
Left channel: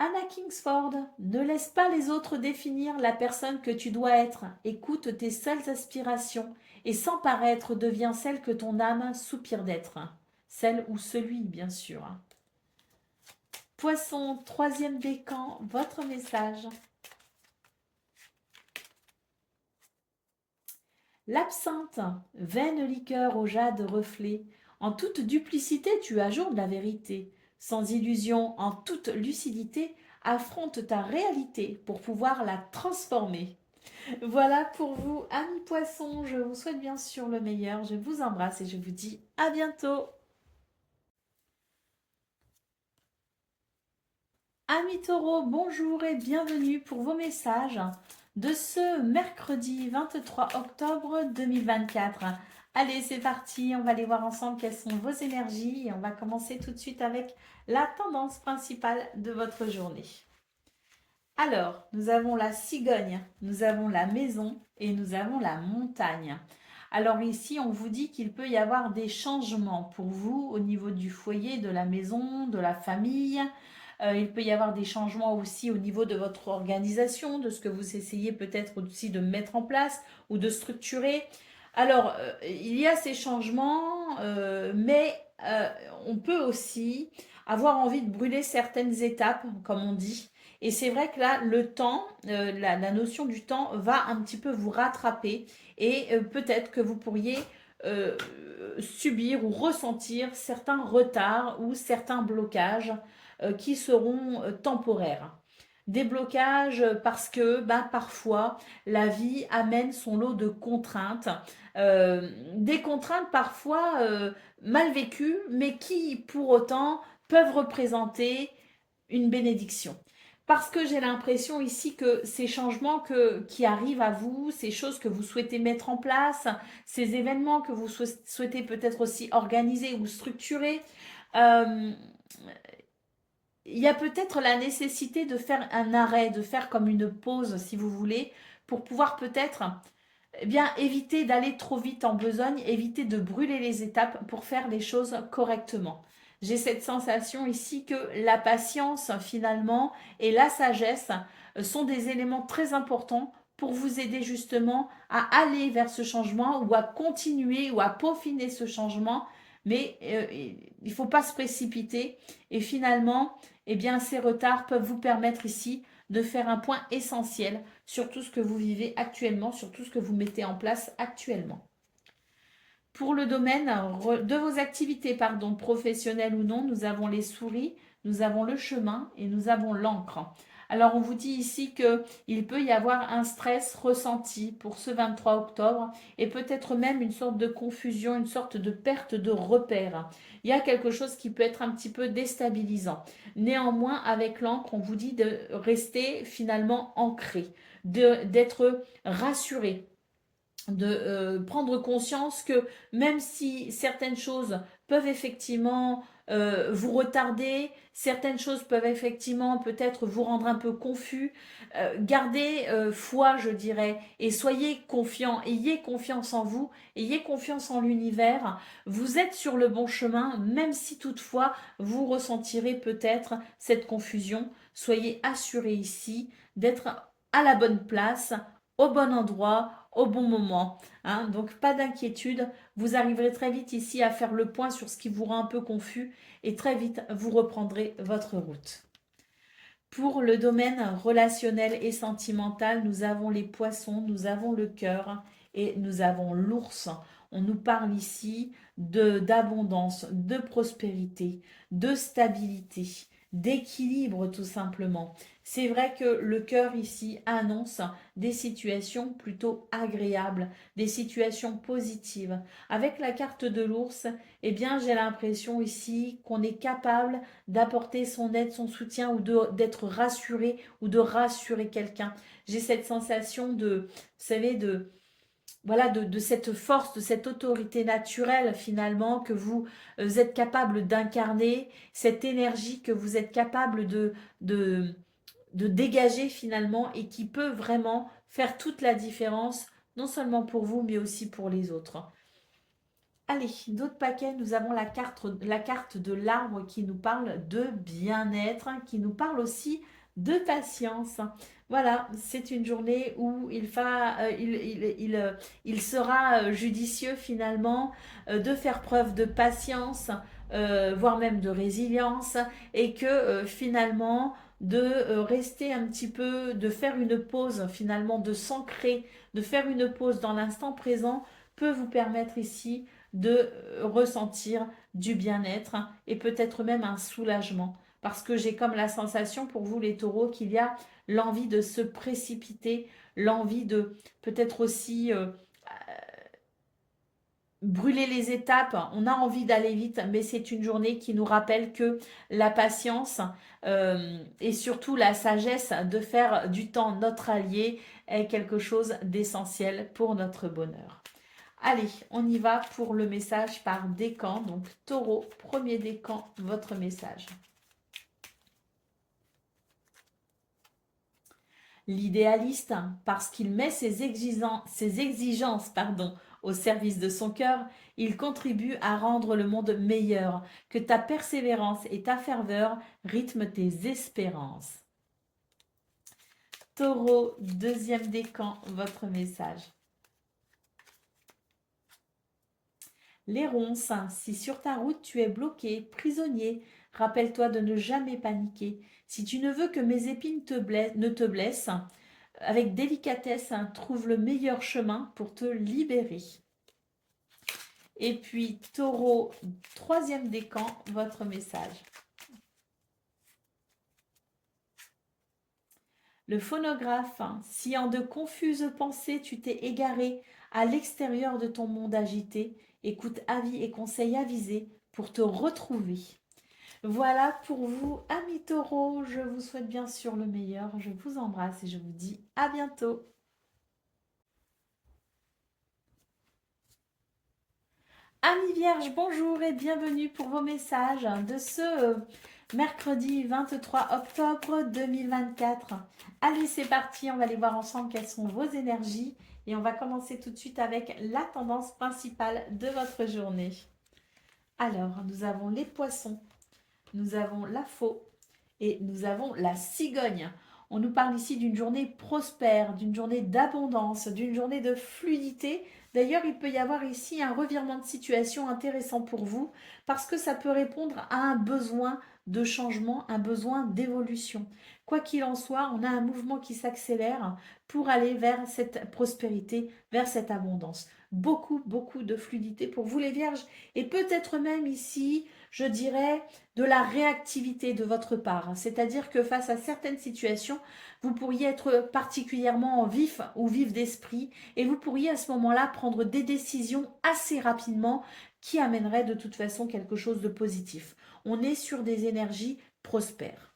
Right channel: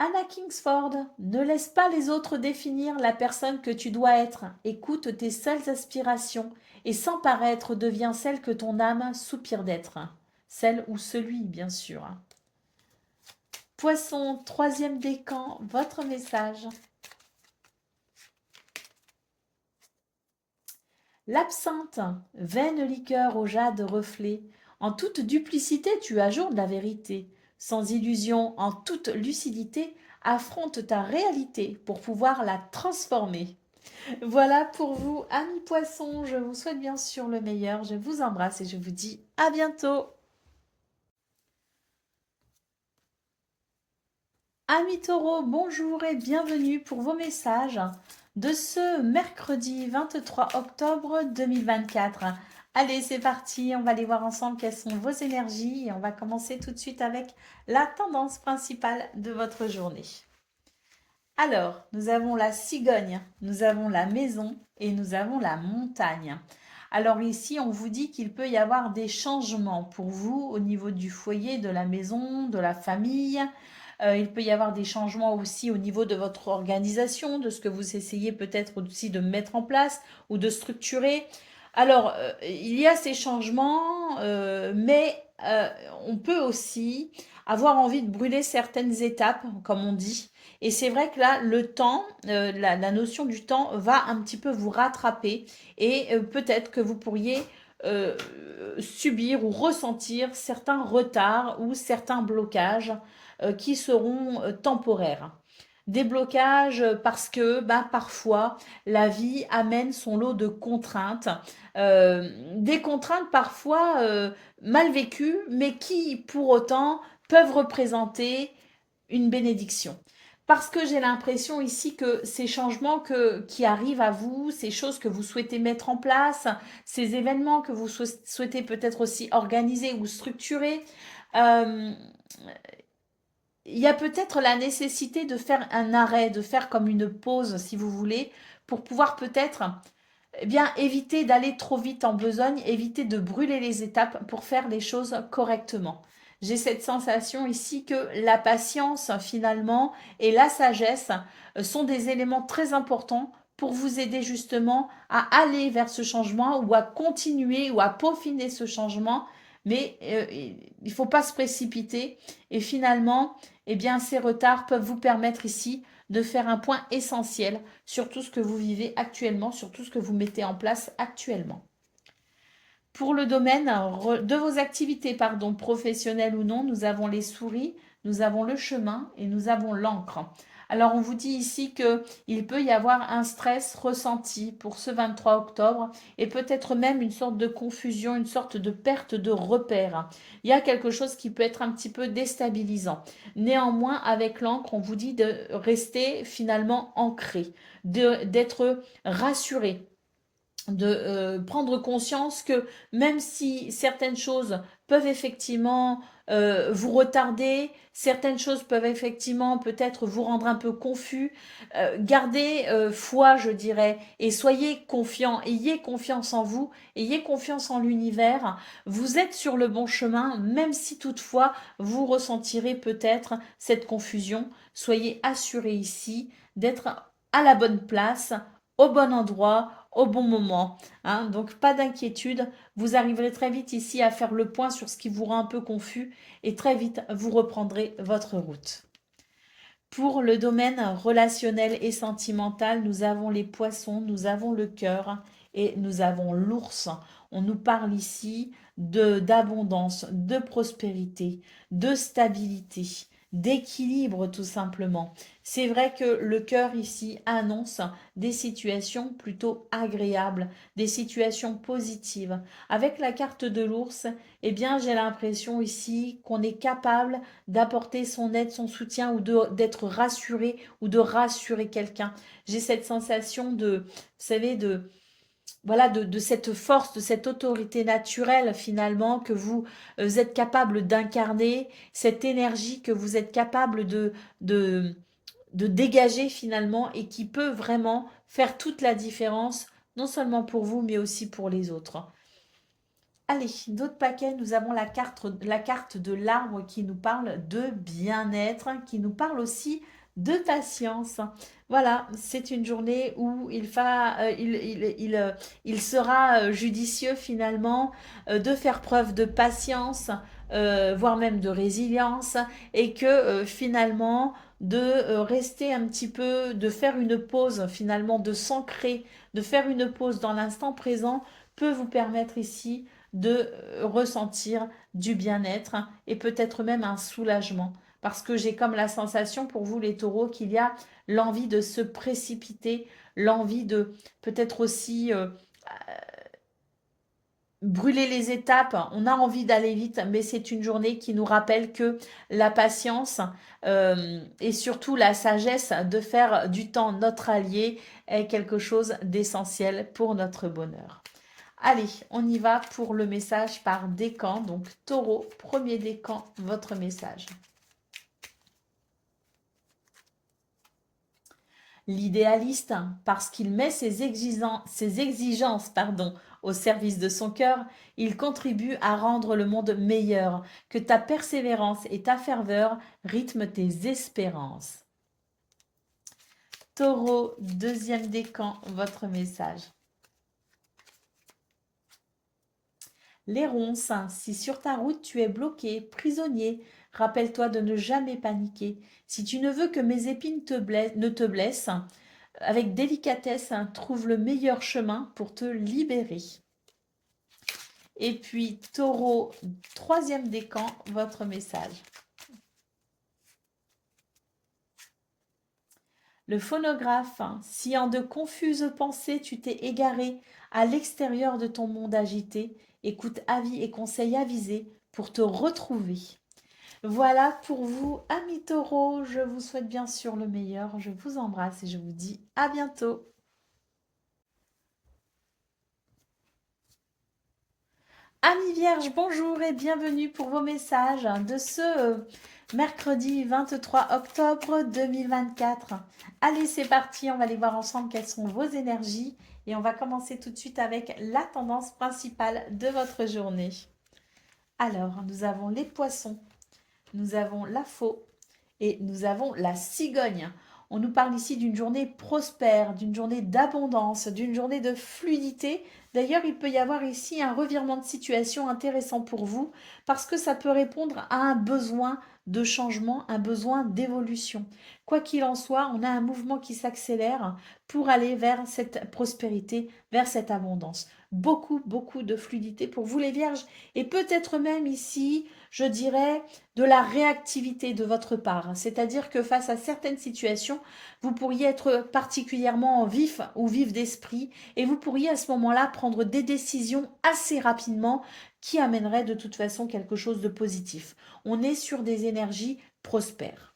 Anna Kingsford, ne laisse pas les autres définir la personne que tu dois être. Écoute tes seules aspirations et sans paraître deviens celle que ton âme soupire d'être. Celle ou celui, bien sûr. Poisson, troisième décan, votre message. L'absinthe, vaine liqueur au jade reflet. En toute duplicité, tu ajoutes la vérité. Sans illusion, en toute lucidité, affronte ta réalité pour pouvoir la transformer. Voilà pour vous, amis poissons. Je vous souhaite bien sûr le meilleur. Je vous embrasse et je vous dis à bientôt. Amis taureaux, bonjour et bienvenue pour vos messages de ce mercredi 23 octobre 2024. Allez, c'est parti, on va aller voir ensemble quelles sont vos énergies et on va commencer tout de suite avec la tendance principale de votre journée. Alors, nous avons la cigogne, nous avons la maison et nous avons la montagne. Alors ici, on vous dit qu'il peut y avoir des changements pour vous au niveau du foyer, de la maison, de la famille. Il peut y avoir des changements aussi au niveau de votre organisation, de ce que vous essayez peut-être aussi de mettre en place ou de structurer. Alors, il y a ces changements, mais on peut aussi avoir envie de brûler certaines étapes, comme on dit. Et c'est vrai que là, le temps, la notion du temps va un petit peu vous rattraper et peut-être que vous pourriez euh, subir ou ressentir certains retards ou certains blocages qui seront temporaires. Des blocages parce que parfois la vie amène son lot de contraintes, des contraintes parfois mal vécues, mais qui pour autant peuvent représenter une bénédiction. Parce que j'ai l'impression ici que ces changements qui arrivent à vous, ces choses que vous souhaitez mettre en place, ces événements que vous souhaitez peut-être aussi organiser ou structurer, euh, il y a peut-être la nécessité de faire un arrêt, de faire comme une pause, si vous voulez, pour pouvoir peut-être bien éviter d'aller trop vite en besogne, éviter de brûler les étapes pour faire les choses correctement. J'ai cette sensation ici que la patience finalement et la sagesse sont des éléments très importants pour vous aider justement à aller vers ce changement ou à continuer ou à peaufiner ce changement. Mais il ne faut pas se précipiter et finalement, eh bien, ces retards peuvent vous permettre ici de faire un point essentiel sur tout ce que vous vivez actuellement, sur tout ce que vous mettez en place actuellement. Pour le domaine de vos activités, pardon, professionnelles ou non, nous avons les souris, nous avons le chemin et nous avons l'encre. Alors, on vous dit ici qu'il peut y avoir un stress ressenti pour ce 23 octobre et peut-être même une sorte de confusion, une sorte de perte de repère. Il y a quelque chose qui peut être un petit peu déstabilisant. Néanmoins, avec l'encre, on vous dit de rester finalement ancré, d'être rassuré, de prendre conscience que même si certaines choses peuvent effectivement vous retarder, certaines choses peuvent effectivement peut-être vous rendre un peu confus, gardez foi, je dirais, et soyez confiants, ayez confiance en vous, ayez confiance en l'univers, vous êtes sur le bon chemin, même si toutefois vous ressentirez peut-être cette confusion, soyez assurés ici d'être à la bonne place, au bon endroit, au bon moment. Hein. Donc pas d'inquiétude, vous arriverez très vite ici à faire le point sur ce qui vous rend un peu confus et très vite vous reprendrez votre route. Pour le domaine relationnel et sentimental, nous avons les poissons, nous avons le cœur et nous avons l'ours. On nous parle ici d'abondance, de prospérité, de stabilité, d'équilibre tout simplement. C'est vrai que le cœur ici annonce des situations plutôt agréables, des situations positives. Avec la carte de l'ours, eh bien j'ai l'impression ici qu'on est capable d'apporter son aide, son soutien ou d'être rassuré ou de rassurer quelqu'un. J'ai cette sensation de, vous savez, voilà, de cette force, de cette autorité naturelle finalement que vous êtes capable d'incarner, cette énergie que vous êtes capable de, de dégager finalement et qui peut vraiment faire toute la différence, non seulement pour vous, mais aussi pour les autres. Allez, d'autres paquets, nous avons la carte de l'arbre qui nous parle de bien-être, qui nous parle aussi de patience. Voilà, c'est une journée où il sera judicieux finalement de faire preuve de patience, voire même de résilience, et que finalement de rester un petit peu, de faire une pause finalement, de s'ancrer, de faire une pause dans l'instant présent peut vous permettre ici de ressentir du bien-être et peut-être même un soulagement. Parce que j'ai comme la sensation pour vous les taureaux qu'il y a l'envie de se précipiter, l'envie de peut-être aussi brûler les étapes. On a envie d'aller vite, mais c'est une journée qui nous rappelle que la patience et surtout la sagesse de faire du temps notre allié est quelque chose d'essentiel pour notre bonheur. Allez, on y va pour le message par décan. Donc, taureau, premier décan, votre message. L'idéaliste, parce qu'il met ses exigences au service de son cœur, il contribue à rendre le monde meilleur, que ta persévérance et ta ferveur rythment tes espérances. Taureau, deuxième décan, votre message. Les ronces, si sur ta route tu es bloqué, prisonnier, rappelle-toi de ne jamais paniquer. Si tu ne veux que mes épines ne te blessent, avec délicatesse, trouve le meilleur chemin pour te libérer. Et puis, taureau, troisième décan, votre message. Le phonographe, si en de confuses pensées tu t'es égaré à l'extérieur de ton monde agité, écoute avis et conseils avisés pour te retrouver. Voilà pour vous, amis taureaux. Je vous souhaite bien sûr le meilleur. Je vous embrasse et je vous dis à bientôt. Amis vierges, bonjour et bienvenue pour vos messages de ce mercredi 23 octobre 2024. Allez, c'est parti, on va aller voir ensemble quelles sont vos énergies et on va commencer tout de suite avec la tendance principale de votre journée. Alors, nous avons les poissons, nous avons la faux et nous avons la cigogne. On nous parle ici d'une journée prospère, d'une journée d'abondance, d'une journée de fluidité, D'ailleurs, il peut y avoir ici un revirement de situation intéressant pour vous parce que ça peut répondre à un besoin de changement, un besoin d'évolution. Quoi qu'il en soit, on a un mouvement qui s'accélère pour aller vers cette prospérité, vers cette abondance. Beaucoup, beaucoup de fluidité pour vous les vierges et peut-être même ici, je dirais, de la réactivité de votre part. C'est-à-dire que face à certaines situations, vous pourriez être particulièrement vif ou vif d'esprit et vous pourriez à ce moment-là prendre des décisions assez rapidement qui amèneraient de toute façon quelque chose de positif. On est sur des énergies prospères.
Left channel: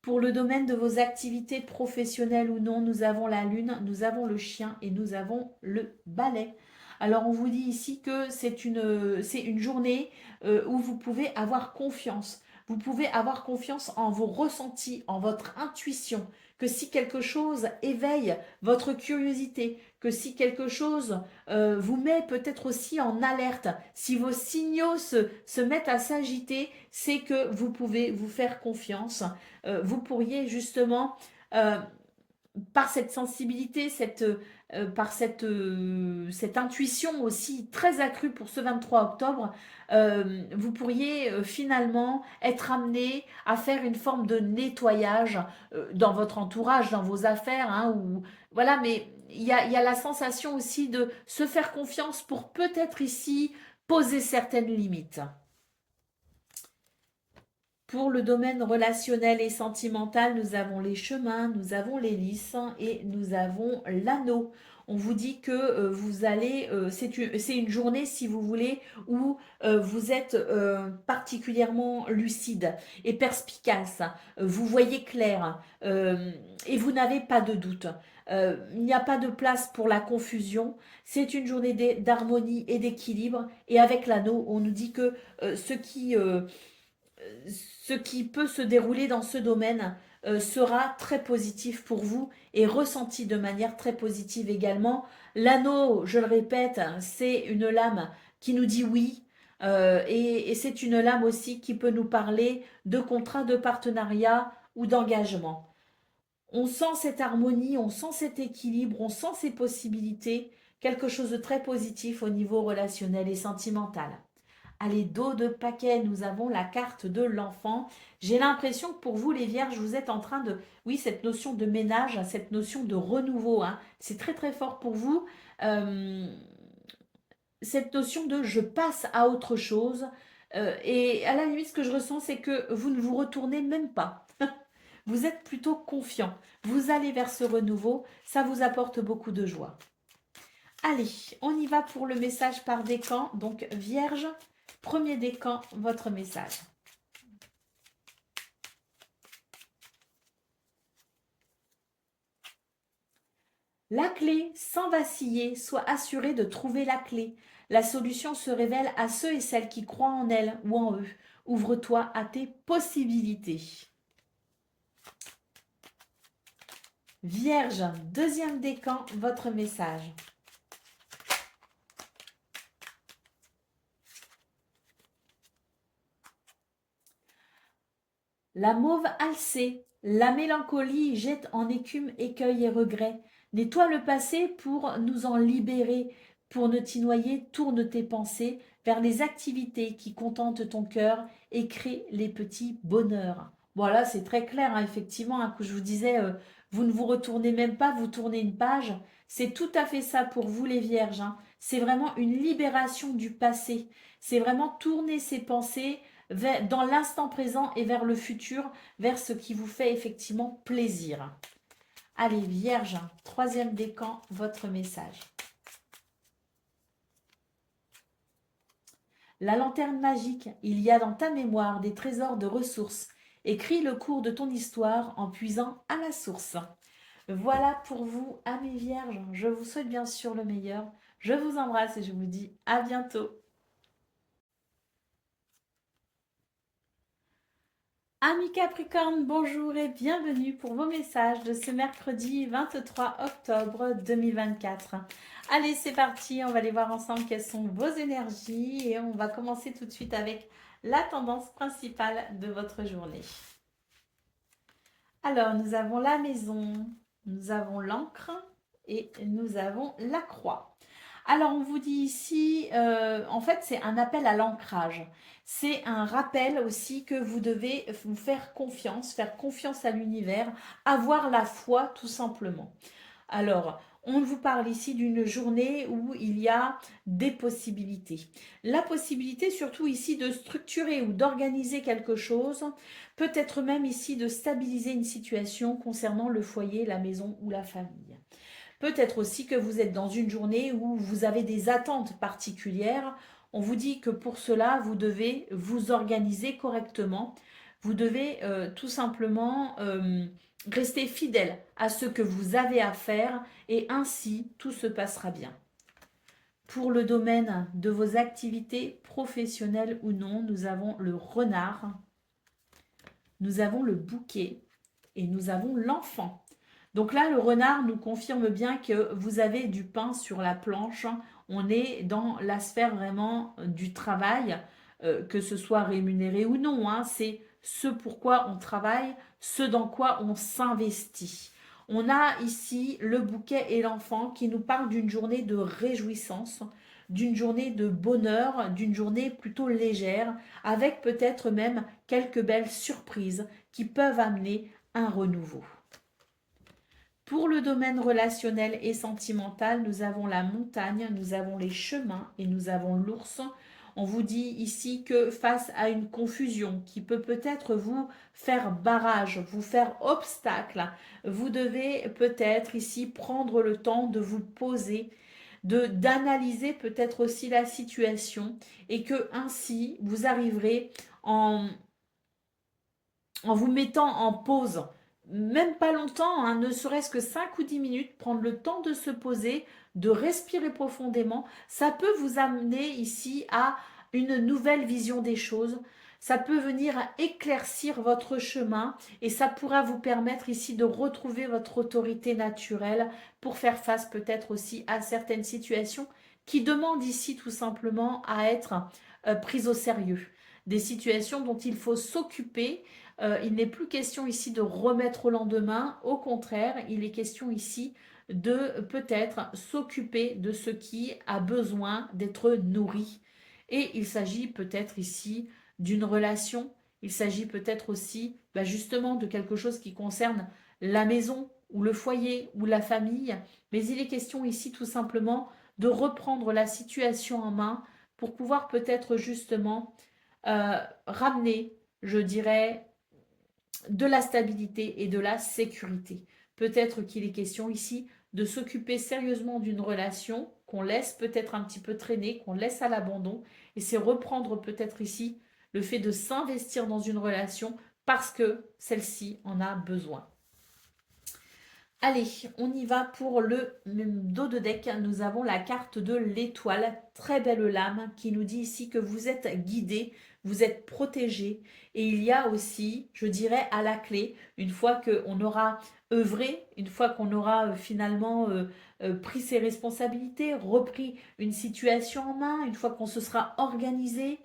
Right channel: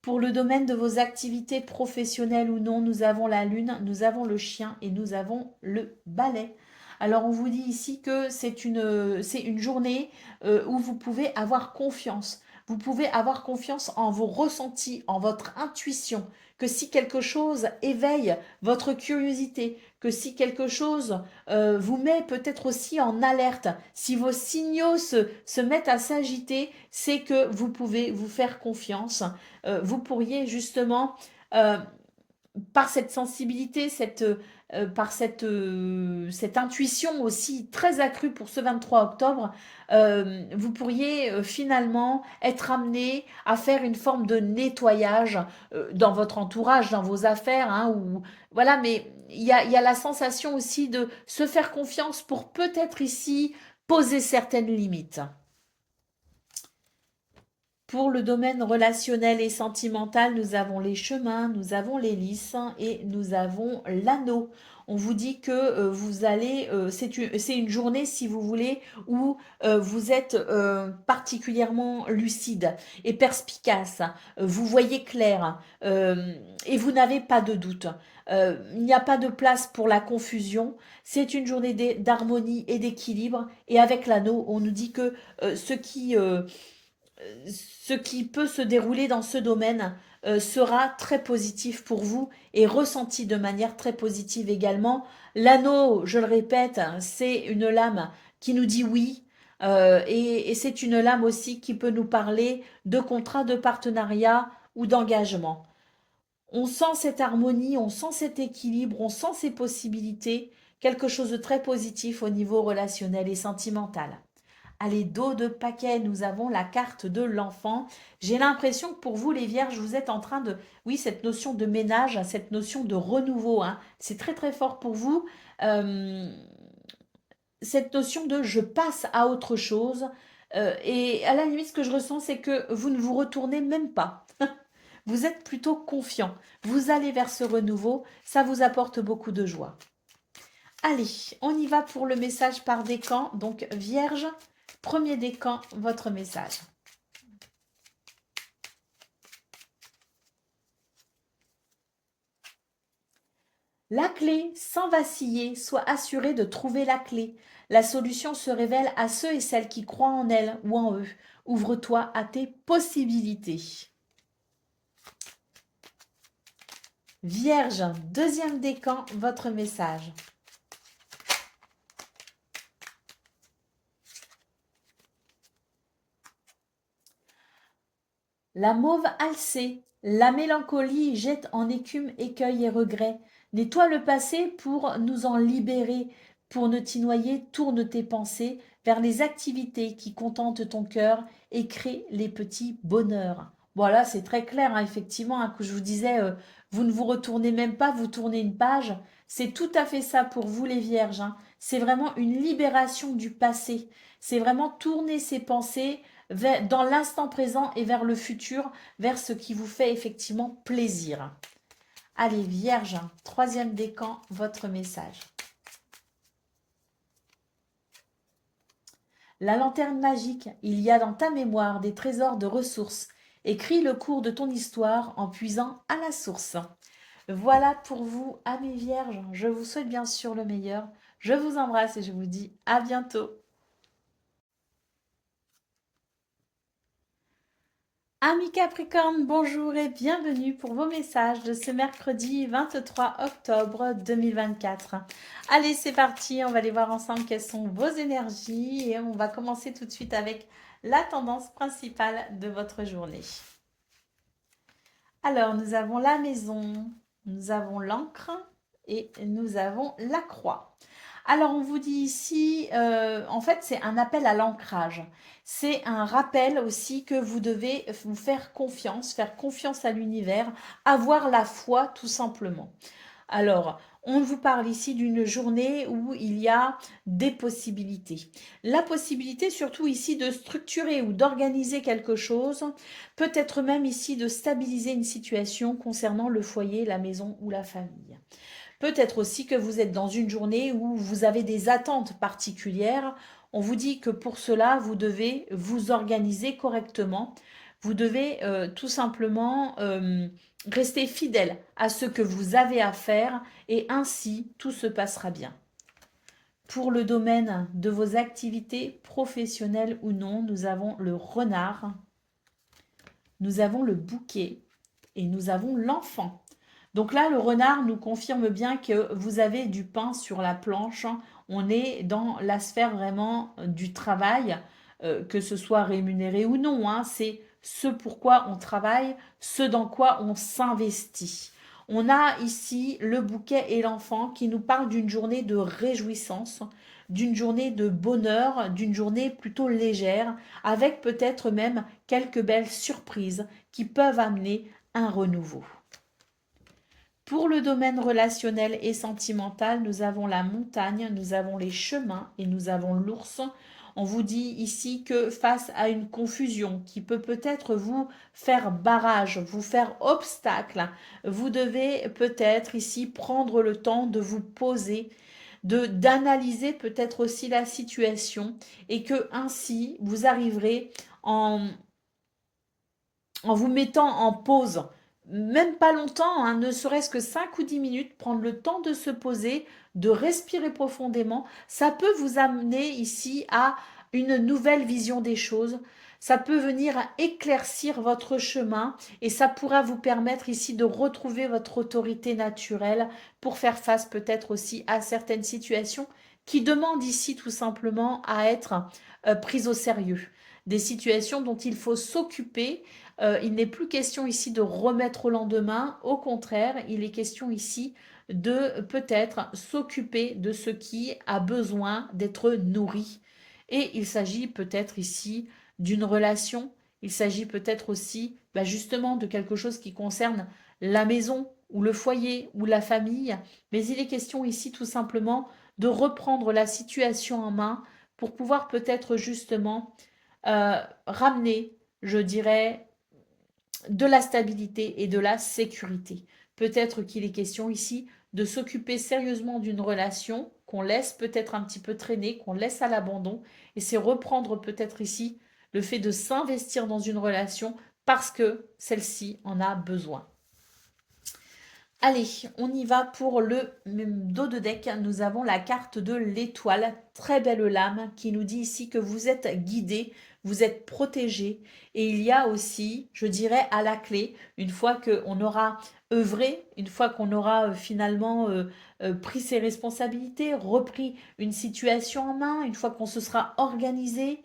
Pour le domaine de vos activités professionnelles ou non, nous avons la lune, nous avons le chien et nous avons le balai. Alors on vous dit ici que c'est une journée où vous pouvez avoir confiance. Vous pouvez avoir confiance en vos ressentis, en votre intuition, que si quelque chose éveille votre curiosité, que si quelque chose vous met peut-être aussi en alerte, si vos signaux se mettent à s'agiter, c'est que vous pouvez vous faire confiance. Vous pourriez justement, euh, par cette sensibilité, par cette intuition aussi très accrue pour ce 23 octobre, vous pourriez finalement être amené à faire une forme de nettoyage dans votre entourage, dans vos affaires, hein, ou, voilà, mais il y a la sensation aussi de se faire confiance pour peut-être ici poser certaines limites. Pour le domaine relationnel et sentimental, nous avons les chemins, nous avons les lys et nous avons l'anneau. On vous dit que vous allez, c'est une journée, si vous voulez, où vous êtes particulièrement lucide et perspicace. Vous voyez clair et vous n'avez pas de doute. Il n'y a pas de place pour la confusion. C'est une journée d'harmonie et d'équilibre. Et avec l'anneau, on nous dit que ce qui peut se dérouler dans ce domaine sera très positif pour vous et ressenti de manière très positive également. L'anneau, je le répète, c'est une lame qui nous dit oui. Et c'est une lame aussi qui peut nous parler de contrat de partenariat ou d'engagement. On sent cette harmonie, on sent cet équilibre, on sent ces possibilités, quelque chose de très positif au niveau relationnel et sentimental. Allez, dos de paquet, nous avons la carte de l'enfant. J'ai l'impression que pour vous, les vierges, vous êtes en train de... Oui, cette notion de ménage, cette notion de renouveau, hein, c'est très très fort pour vous. Euh, cette notion de je passe à autre chose. Et à la limite, ce que je ressens, c'est que vous ne vous retournez même pas. Vous êtes plutôt confiant. Vous allez vers ce renouveau. Ça vous apporte beaucoup de joie. Allez, on y va pour le message par décan. Donc, Vierge, premier décan, votre message. La clé, sans vaciller, sois assuré de trouver la clé. La solution se révèle à ceux et celles qui croient en elle ou en eux. Ouvre-toi à tes possibilités. Vierge, deuxième décan, votre message. La mauve alcée, la mélancolie jette en écume écueil et regret. Nettoie le passé pour nous en libérer. Pour ne t'y noyer, tourne tes pensées vers les activités qui contentent ton cœur et créent les petits bonheurs. Voilà, c'est très clair, hein, effectivement, hein, que je vous disais, vous ne vous retournez même pas, vous tournez une page. C'est tout à fait ça pour vous les vierges, hein. C'est vraiment une libération du passé. C'est vraiment tourner ses pensées dans l'instant présent et vers le futur, vers ce qui vous fait effectivement plaisir. Allez, Vierge, troisième décan, votre message. La lanterne magique, il y a dans ta mémoire des trésors de ressources. Écris le cours de ton histoire en puisant à la source. Voilà pour vous, amis vierges. Je vous souhaite bien sûr le meilleur. Je vous embrasse et je vous dis à bientôt. Amis Capricorne, bonjour et bienvenue pour vos messages de ce mercredi 23 octobre 2024. Allez, c'est parti, on va aller voir ensemble quelles sont vos énergies et on va commencer tout de suite avec la tendance principale de votre journée. Alors, nous avons la maison, nous avons l'encre et nous avons la croix. Alors, on vous dit ici, en fait, c'est un appel à l'ancrage. C'est un rappel aussi que vous devez vous faire confiance à l'univers, avoir la foi tout simplement. Alors, on vous parle ici d'une journée où il y a des possibilités. La possibilité surtout ici de structurer ou d'organiser quelque chose, peut-être même ici de stabiliser une situation concernant le foyer, la maison ou la famille. Peut-être aussi que vous êtes dans une journée où vous avez des attentes particulières. On vous dit que pour cela, vous devez vous organiser correctement. Vous devez tout simplement rester fidèle à ce que vous avez à faire et ainsi tout se passera bien. Pour le domaine de vos activités professionnelles ou non, nous avons le renard, nous avons le bouquet et nous avons l'enfant. Donc là, le renard nous confirme bien que vous avez du pain sur la planche. On est dans la sphère vraiment du travail, que ce soit rémunéré ou non, hein. C'est ce pourquoi on travaille, ce dans quoi on s'investit. On a ici le bouquet et l'enfant qui nous parlent d'une journée de réjouissance, d'une journée de bonheur, d'une journée plutôt légère, avec peut-être même quelques belles surprises qui peuvent amener un renouveau. Pour le domaine relationnel et sentimental, nous avons la montagne, nous avons les chemins et nous avons l'ours. On vous dit ici que face à une confusion qui peut peut-être vous faire barrage, vous faire obstacle, vous devez peut-être ici prendre le temps de vous poser, d'analyser peut-être aussi la situation et que ainsi vous arriverez en vous mettant en pause, même pas longtemps, hein, ne serait-ce que 5 ou 10 minutes, prendre le temps de se poser, de respirer profondément, ça peut vous amener ici à une nouvelle vision des choses. Ça peut venir à éclaircir votre chemin et ça pourra vous permettre ici de retrouver votre autorité naturelle pour faire face peut-être aussi à certaines situations qui demandent ici tout simplement à être prises au sérieux. Des situations dont il faut s'occuper. Il n'est plus question ici de remettre au lendemain, au contraire, il est question ici de peut-être s'occuper de ce qui a besoin d'être nourri. Et il s'agit peut-être ici d'une relation, il s'agit peut-être aussi justement de quelque chose qui concerne la maison ou le foyer ou la famille, mais il est question ici tout simplement de reprendre la situation en main pour pouvoir peut-être justement ramener, je dirais, de la stabilité et de la sécurité. Peut-être qu'il est question ici de s'occuper sérieusement d'une relation qu'on laisse peut-être un petit peu traîner, qu'on laisse à l'abandon, et c'est reprendre peut-être ici le fait de s'investir dans une relation parce que celle-ci en a besoin. Allez, on y va pour le dos de deck. Nous avons la carte de l'étoile, très belle lame, qui nous dit ici que vous êtes guidé, vous êtes protégé. Et il y a aussi, je dirais, à la clé, une fois qu'on aura œuvré, une fois qu'on aura finalement pris ses responsabilités, repris une situation en main, une fois qu'on se sera organisé,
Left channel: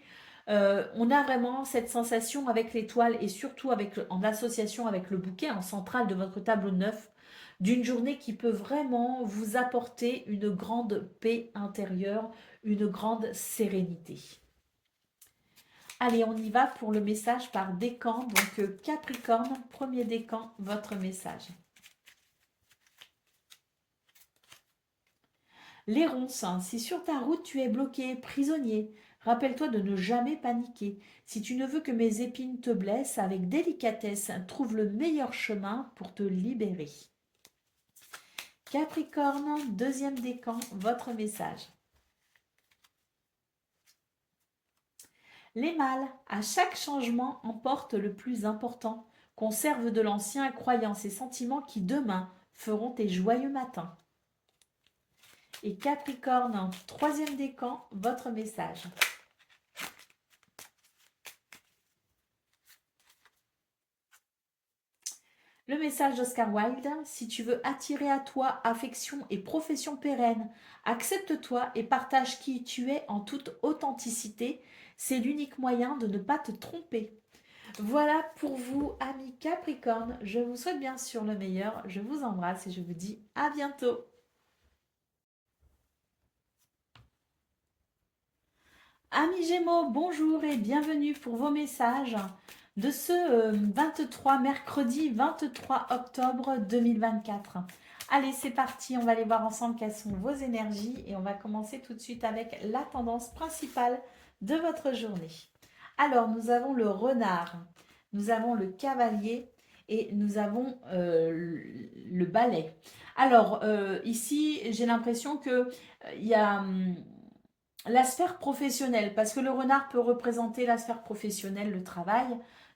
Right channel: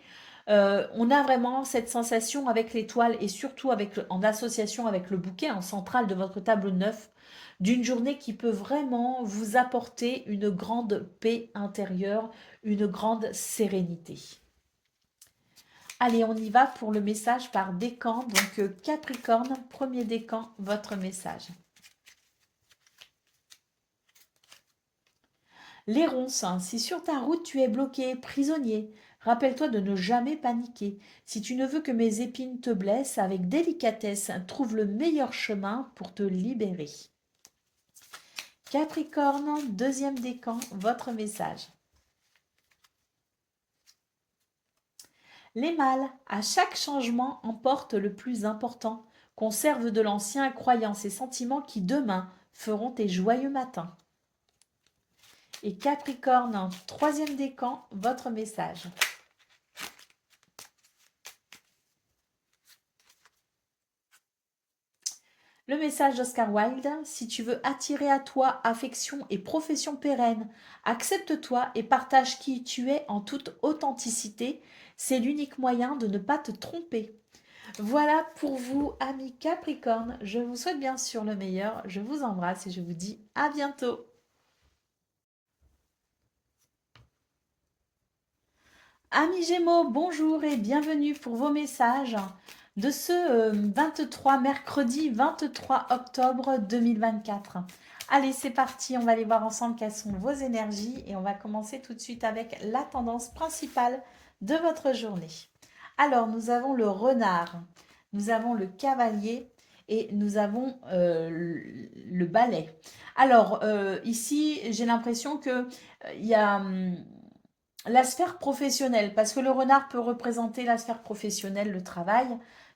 on a vraiment cette sensation avec l'étoile et surtout en association avec le bouquet en centrale de votre tableau 9 d'une journée qui peut vraiment vous apporter une grande paix intérieure, une grande sérénité. Allez, on y va pour le message par décan. Donc Capricorne, premier décan, votre message. Les ronces, si sur ta route tu es bloqué, prisonnier, rappelle-toi de ne jamais paniquer. Si tu ne veux que mes épines te blessent, avec délicatesse, trouve le meilleur chemin pour te libérer. Capricorne, deuxième décan, votre message. Les mâles, à chaque changement, emportent le plus important. Conserve de l'ancien croyances et sentiments qui demain feront tes joyeux matins. Et Capricorne, troisième décan, votre message. Le message d'Oscar Wilde, si tu veux attirer à toi affection et profession pérenne, accepte-toi et partage qui tu es en toute authenticité. C'est l'unique moyen de ne pas te tromper. Voilà pour vous, amis Capricorne. Je vous souhaite bien sûr le meilleur. Je vous embrasse et je vous dis à bientôt. Amis Gémeaux, bonjour et bienvenue pour vos messages de ce 23, mercredi 23 octobre 2024. Allez, c'est parti, on va aller voir ensemble quelles sont vos énergies et on va commencer tout de suite avec la tendance principale de votre journée. Alors, nous avons le renard, nous avons le cavalier et nous avons le balai. Alors, ici, j'ai l'impression que il y a la sphère professionnelle, parce que le renard peut représenter la sphère professionnelle, le travail.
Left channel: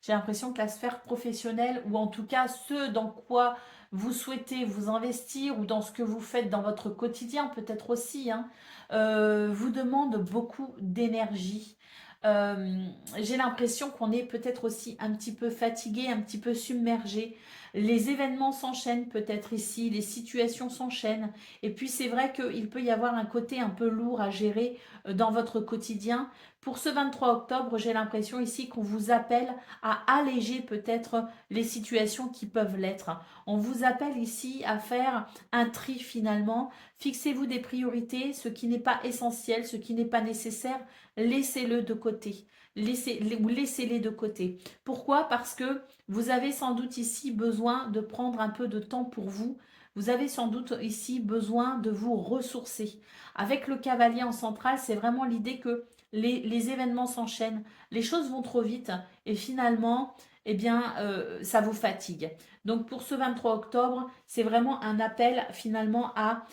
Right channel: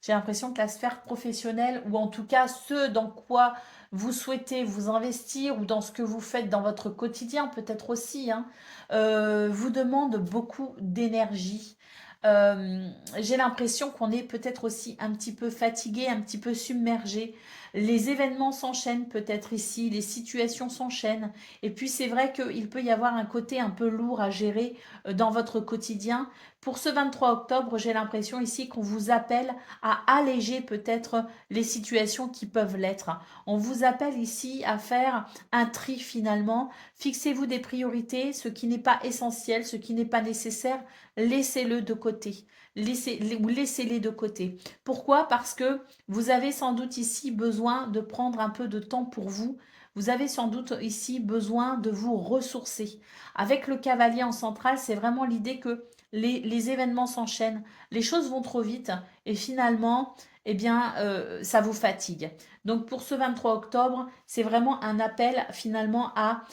J'ai l'impression que la sphère professionnelle, ou en tout cas ce dans quoi vous souhaitez vous investir, ou dans ce que vous faites dans votre quotidien, peut-être aussi, hein, vous demande beaucoup d'énergie. J'ai l'impression qu'on est peut-être aussi un petit peu fatigué, un petit peu submergé. Les événements s'enchaînent peut-être ici, les situations s'enchaînent. Et puis c'est vrai qu'il peut y avoir un côté un peu lourd à gérer dans votre quotidien. Pour ce 23 octobre, j'ai l'impression ici qu'on vous appelle à alléger peut-être les situations qui peuvent l'être. On vous appelle ici à faire un tri finalement. Fixez-vous des priorités, ce qui n'est pas essentiel, ce qui n'est pas nécessaire, laissez-le de côté. Laissez-les de côté. Pourquoi? Parce que vous avez sans doute ici besoin de prendre un peu de temps pour vous. Vous avez sans doute ici besoin de vous ressourcer. Avec le cavalier en centrale, c'est vraiment l'idée que les événements s'enchaînent, les choses vont trop vite et finalement, eh bien, ça vous fatigue. Donc pour ce 23 octobre, c'est vraiment un appel finalement à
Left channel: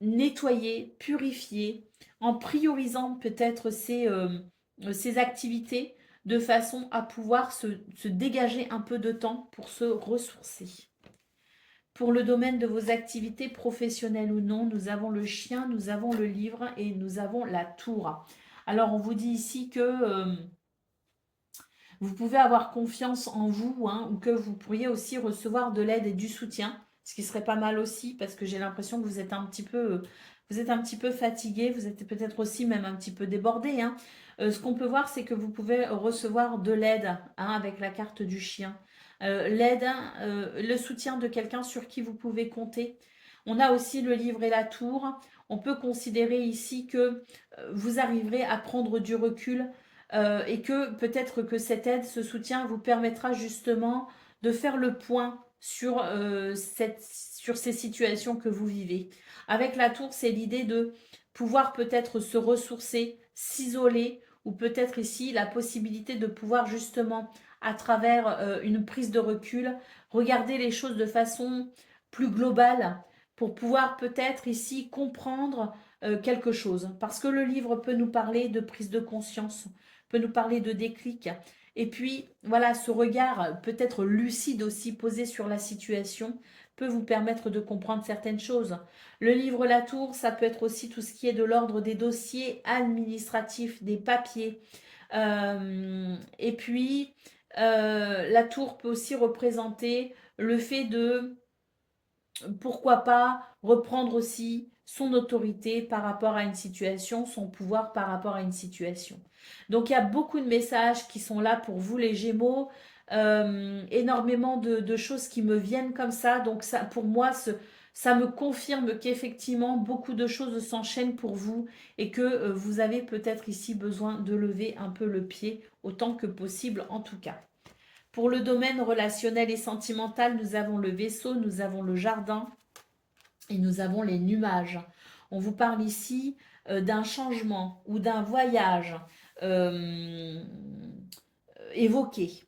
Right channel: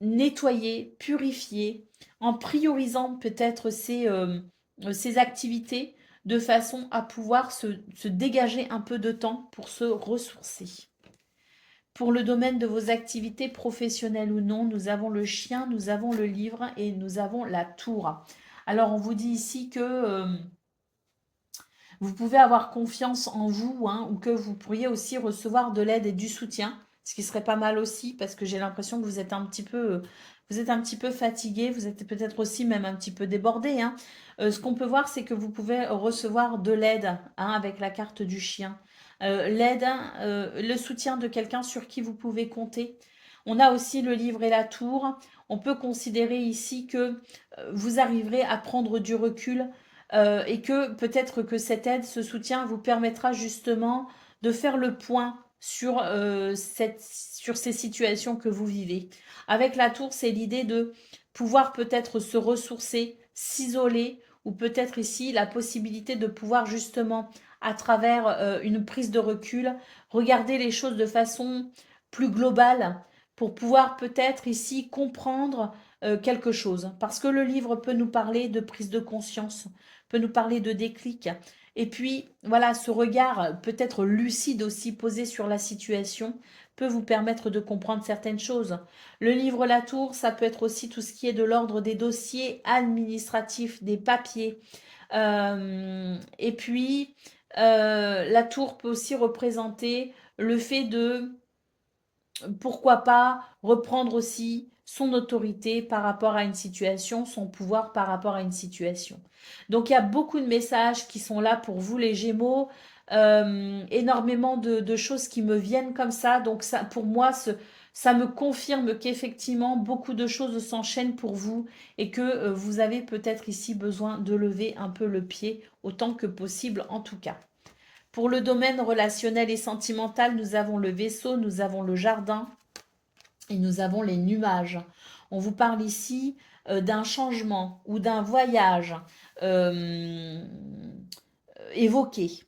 nettoyer, purifier, en priorisant peut-être ces activités de façon à pouvoir se dégager un peu de temps pour se ressourcer. Pour le domaine de vos activités professionnelles ou non, nous avons le chien, nous avons le livre et nous avons la tour. Alors on vous dit ici que vous pouvez avoir confiance en vous, hein, ou que vous pourriez aussi recevoir de l'aide et du soutien, ce qui serait pas mal aussi parce que j'ai l'impression que vous êtes un petit peu fatigué, vous êtes peut-être aussi même un petit peu débordé, hein. Ce qu'on peut voir, c'est que vous pouvez recevoir de l'aide, hein, avec la carte du chien. L'aide, hein, le soutien de quelqu'un sur qui vous pouvez compter. On a aussi le livre et la tour. On peut considérer ici que vous arriverez à prendre du recul et que peut-être que cette aide, ce soutien vous permettra justement de faire le point sur ces situations que vous vivez. Avec la tour, c'est l'idée de pouvoir peut-être se ressourcer, s'isoler, ou peut-être ici la possibilité de pouvoir justement, à travers une prise de recul, regarder les choses de façon plus globale pour pouvoir peut-être ici comprendre quelque chose. Parce que le livre peut nous parler de prise de conscience, peut nous parler de déclic. Et puis, voilà, ce regard peut-être lucide aussi posé sur la situation peut vous permettre de comprendre certaines choses. Le livre La Tour, ça peut être aussi tout ce qui est de l'ordre des dossiers administratifs, des papiers. Et puis, la tour peut aussi représenter le fait de pourquoi pas reprendre aussi son autorité par rapport à une situation, son pouvoir par rapport à une situation. Donc il y a beaucoup de messages qui sont là pour vous les Gémeaux, énormément de choses qui me viennent comme ça. Donc ça, pour moi, ça me confirme qu'effectivement beaucoup de choses s'enchaînent pour vous et que vous avez peut-être ici besoin de lever un peu le pied autant que possible en tout cas. Pour le domaine relationnel et sentimental, nous avons le vaisseau, nous avons le jardin et nous avons les nuages. On vous parle ici d'un changement ou d'un voyage euh, évoqué.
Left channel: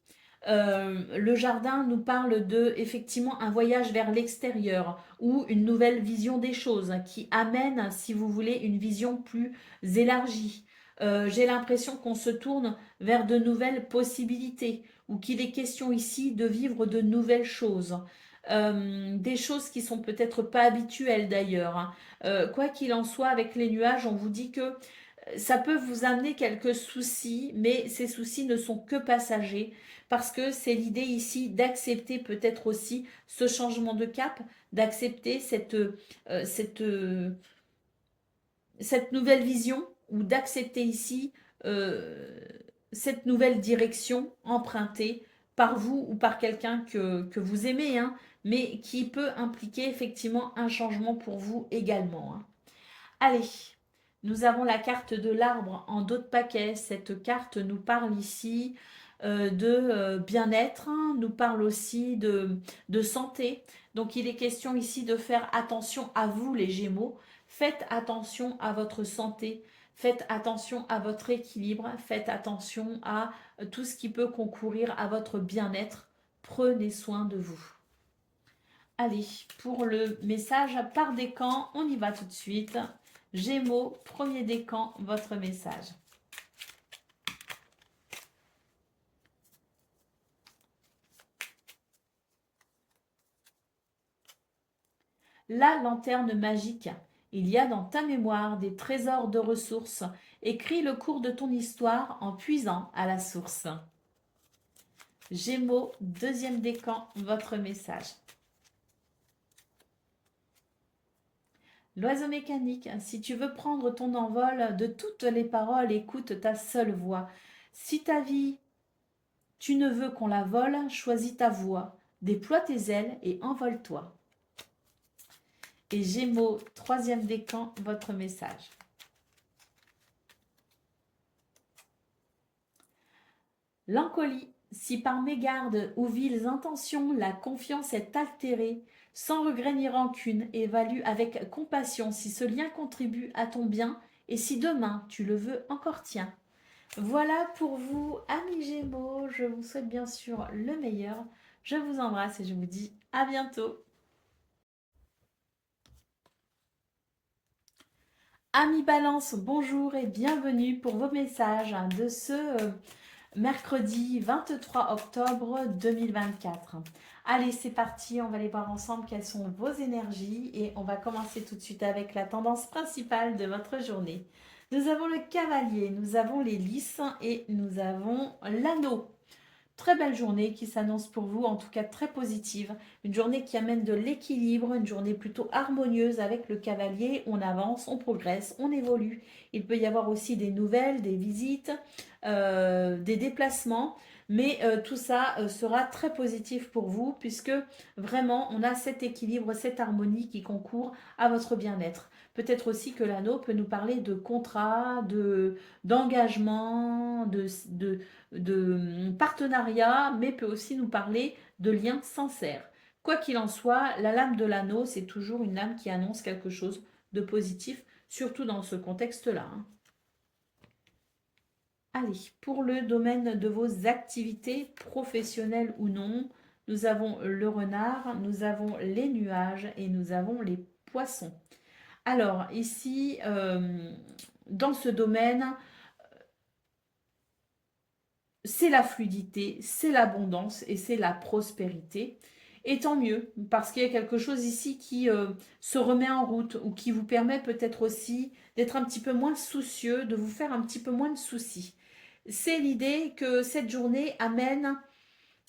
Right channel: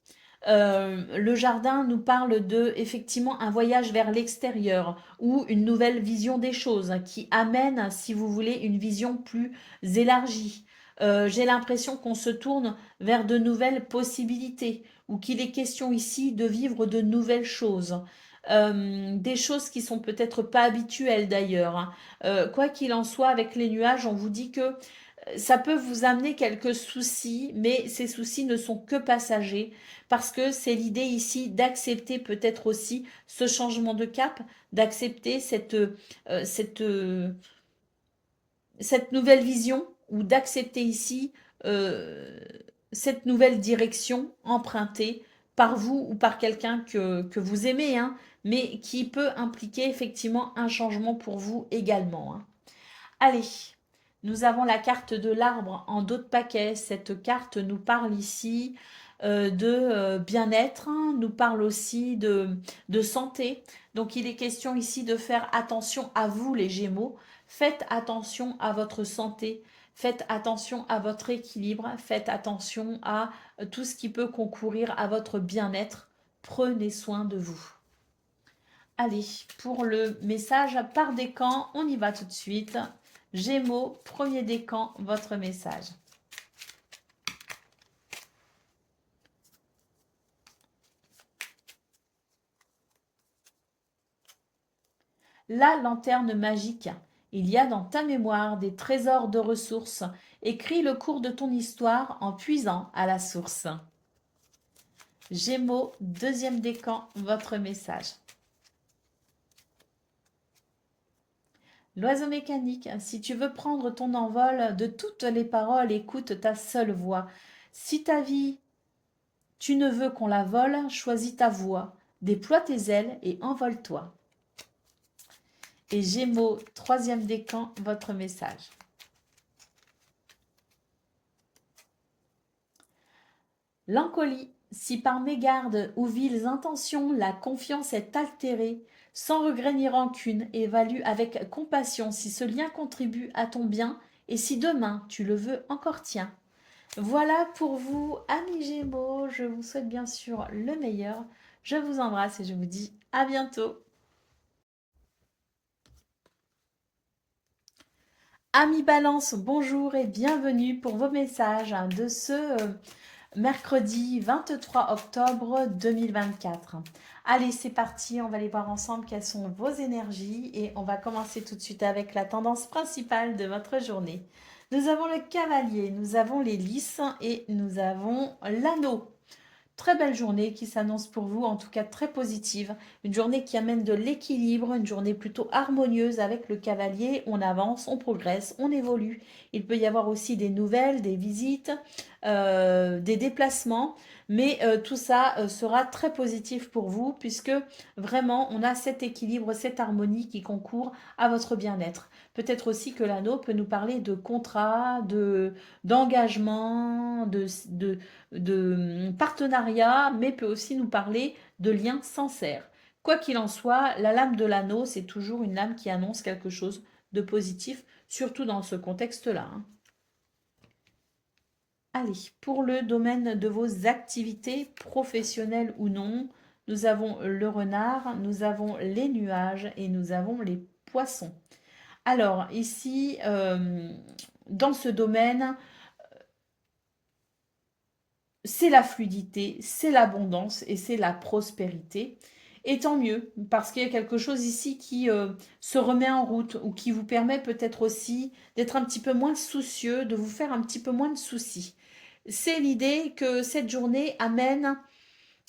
Le jardin nous parle de effectivement un voyage vers l'extérieur ou une nouvelle vision des choses qui amène, si vous voulez, une vision plus élargie. J'ai l'impression qu'on se tourne vers de nouvelles possibilités ou qu'il est question ici de vivre de nouvelles choses. Des choses qui sont peut-être pas habituelles d'ailleurs, hein. Quoi qu'il en soit, avec les nuages, on vous dit que ça peut vous amener quelques soucis, mais ces soucis ne sont que passagers, parce que c'est l'idée ici d'accepter peut-être aussi ce changement de cap, d'accepter cette nouvelle vision, ou d'accepter ici euh, cette nouvelle direction empruntée par vous ou par quelqu'un que vous aimez, hein, mais qui peut impliquer effectivement un changement pour vous également, hein. Allez, Nous avons la carte de l'arbre en dos de paquet. Cette carte nous parle ici de bien-être, hein, nous parle aussi de santé. Donc il est question ici de faire attention à vous les Gémeaux. Faites attention à votre santé. Faites attention à votre équilibre. Faites attention à tout ce qui peut concourir à votre bien-être. Prenez soin de vous. Allez, pour le message par décan, on y va tout de suite. Gémeaux, premier décan, votre message. La lanterne magique. Il y a dans ta mémoire des trésors de ressources. Écris le cours de ton histoire en puisant à la source. Gémeaux, deuxième décan, votre message. L'oiseau mécanique, si tu veux prendre ton envol de toutes les paroles, écoute ta seule voix. Si ta vie, tu ne veux qu'on la vole, choisis ta voix. Déploie tes ailes et envole-toi. Et Gémeaux, troisième décan, votre message. L'encolie, si par mégarde ou viles intentions la confiance est altérée, sans regret ni rancune, évalue avec compassion si ce lien contribue à ton bien et si demain tu le veux encore tien. Voilà pour vous, amis Gémeaux, je vous souhaite bien sûr le meilleur. Je vous embrasse et je vous dis à bientôt. Amis Balance, bonjour et bienvenue pour vos messages de ce mercredi 23 octobre 2024. Allez, c'est parti, on va aller voir ensemble quelles sont vos énergies et on va commencer tout de suite avec la tendance principale de votre journée. Nous avons le cavalier, nous avons les lys et nous avons l'anneau. Très belle journée qui s'annonce pour vous, en tout cas très positive. Une journée qui amène de l'équilibre, une journée plutôt harmonieuse avec le cavalier. On avance, on progresse, on évolue. Il peut y avoir aussi des nouvelles, des visites, des déplacements. Mais tout ça sera très positif pour vous puisque vraiment on a cet équilibre, cette harmonie qui concourt à votre bien-être. Peut-être aussi que l'anneau peut nous parler de contrat, d'engagement, de partenariat, mais peut aussi nous parler de liens sincères. Quoi qu'il en soit, la lame de l'anneau, c'est toujours une lame qui annonce quelque chose de positif, surtout dans ce contexte-là. Allez, pour le domaine de vos activités professionnelles ou non, nous avons le renard, nous avons les nuages et nous avons les poissons. Alors ici, dans ce domaine, c'est la fluidité, c'est l'abondance et c'est la prospérité. Et tant mieux, parce qu'il y a quelque chose ici qui se remet en route ou qui vous permet peut-être aussi d'être un petit peu moins soucieux, de vous faire un petit peu moins de soucis. C'est l'idée que cette journée amène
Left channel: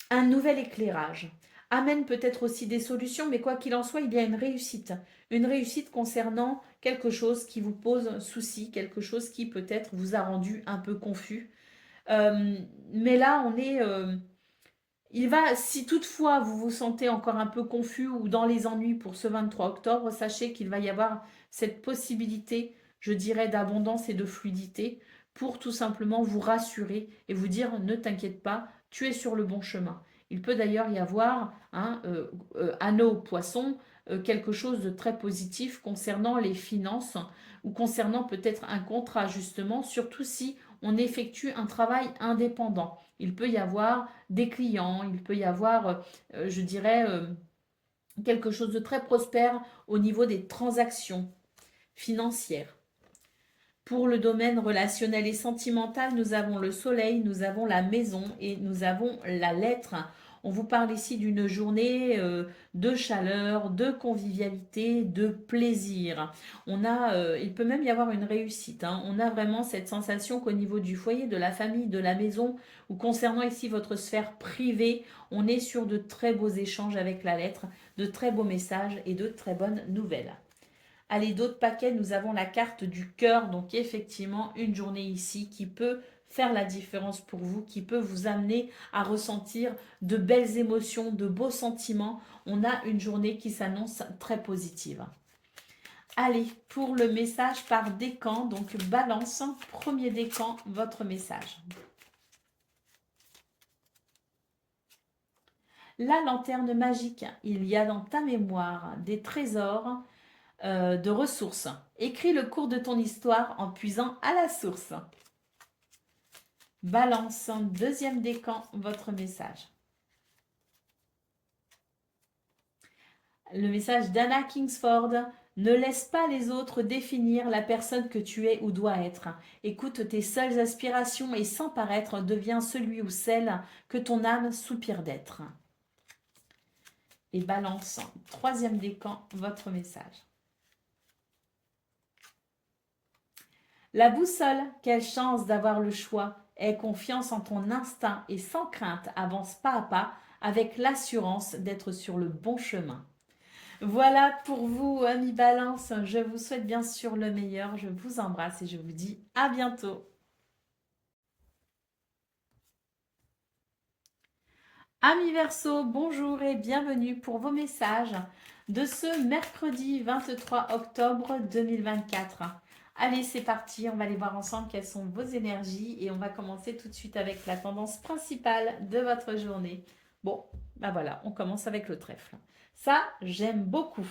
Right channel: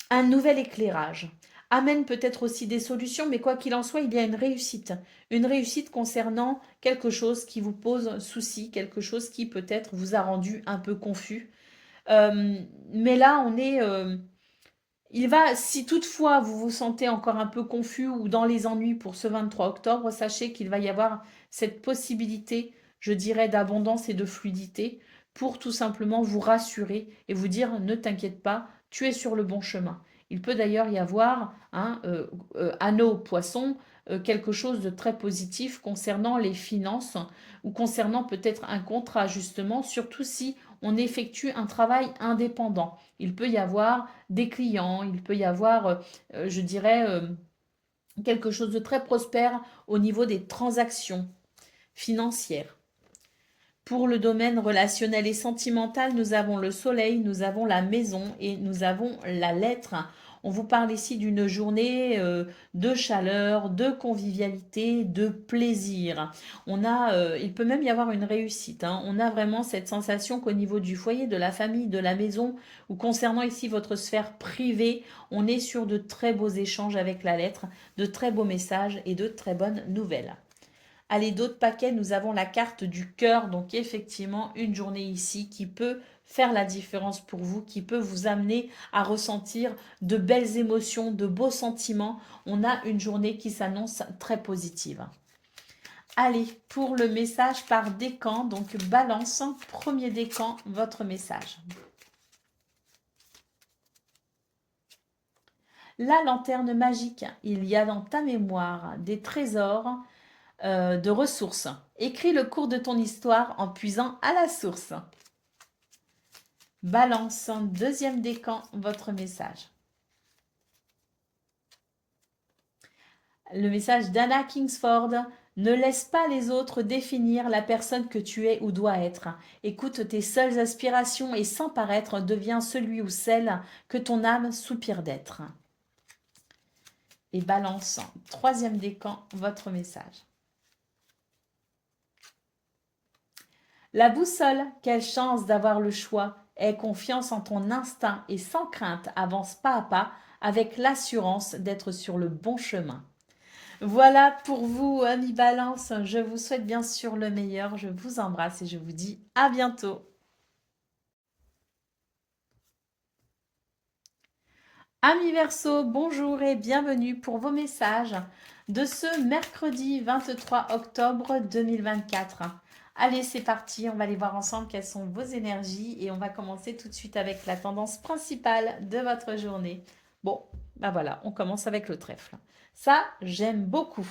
un nouvel éclairage, amène peut-être aussi des solutions, mais quoi qu'il en soit, il y a une réussite concernant quelque chose qui vous pose souci, quelque chose qui peut-être vous a rendu un peu confus. Mais là, on est... si toutefois vous vous sentez encore un peu confus ou dans les ennuis pour ce 23 octobre, sachez qu'il va y avoir cette possibilité, je dirais, d'abondance et de fluidité pour tout simplement vous rassurer et vous dire ne t'inquiète pas, tu es sur le bon chemin. Il peut d'ailleurs y avoir, anneau poisson, quelque chose de très positif concernant les finances ou concernant peut-être un contrat justement, surtout si on effectue un travail indépendant. Il peut y avoir des clients, il peut y avoir, je dirais, quelque chose de très prospère au niveau des transactions financières. Pour le domaine relationnel et sentimental, nous avons le soleil, nous avons la maison et nous avons la lettre. On vous parle ici d'une journée de chaleur, de convivialité, de plaisir. Il peut même y avoir une réussite. On a vraiment cette sensation qu'au niveau du foyer, de la famille, de la maison, ou concernant ici votre sphère privée, on est sur de très beaux échanges avec la lettre, de très beaux messages et de très bonnes nouvelles. Allez, d'autres paquets, nous avons la carte du cœur. Donc effectivement, une journée ici qui peut faire la différence pour vous, qui peut vous amener à ressentir de belles émotions, de beaux sentiments. On a une journée qui s'annonce très positive. Allez, pour le message par décan, donc balance, premier décan, votre message. La lanterne magique, il y a dans ta mémoire des trésors de ressources. Écris le cours de ton histoire en puisant à la source. Balance, deuxième décan, votre message. Le message d'Anna Kingsford. Ne laisse pas les autres définir la personne que tu es ou dois être. Écoute tes seules aspirations et sans paraître, deviens celui ou celle que ton âme soupire d'être. Et balance, troisième décan, votre message. La boussole, quelle chance d'avoir le choix. Aie confiance en ton instinct et sans crainte, avance pas à pas avec l'assurance d'être sur le bon chemin. Voilà pour vous, amis Balance. Je vous souhaite bien sûr le meilleur. Je vous embrasse et je vous dis à bientôt. Amis Verseau, bonjour et bienvenue pour vos messages de ce mercredi 23 octobre 2024. Allez, c'est parti, on va aller voir ensemble quelles sont vos énergies et on va commencer tout de suite avec la tendance principale de votre journée. Bon, ben voilà, on commence avec le trèfle. Ça, j'aime beaucoup.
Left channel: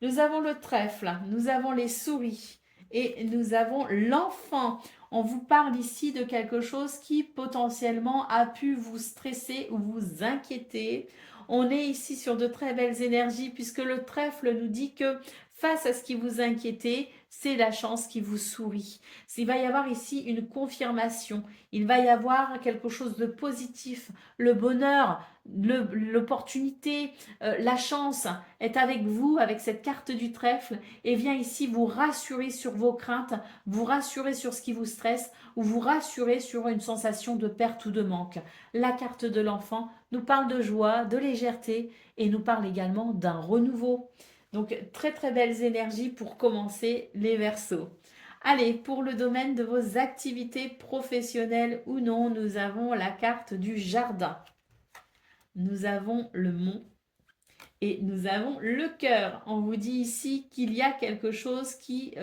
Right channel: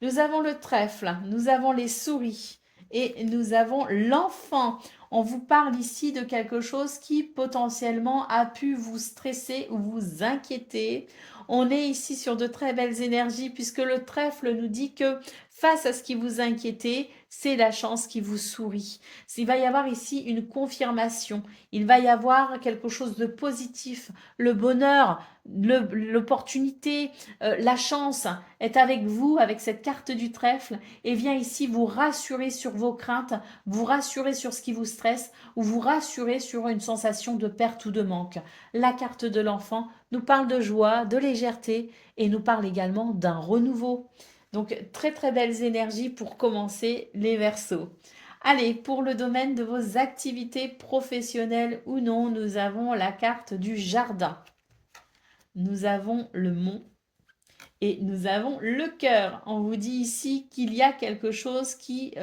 Nous avons le trèfle, nous avons les souris et nous avons l'enfant. On vous parle ici de quelque chose qui potentiellement a pu vous stresser ou vous inquiéter. On est ici sur de très belles énergies puisque le trèfle nous dit que face à ce qui vous inquiétait, c'est la chance qui vous sourit. Il va y avoir ici une confirmation. Il va y avoir quelque chose de positif. Le bonheur, l'opportunité, la chance est avec vous, avec cette carte du trèfle, et vient ici vous rassurer sur vos craintes, vous rassurer sur ce qui vous stresse, ou vous rassurer sur une sensation de perte ou de manque. La carte de l'enfant nous parle de joie, de légèreté, et nous parle également d'un renouveau. Donc, très très belles énergies pour commencer les Verseaux. Allez, pour le domaine de vos activités professionnelles ou non, nous avons la carte du jardin. Nous avons le mont et nous avons le cœur. On vous dit ici qu'il y a quelque chose qui,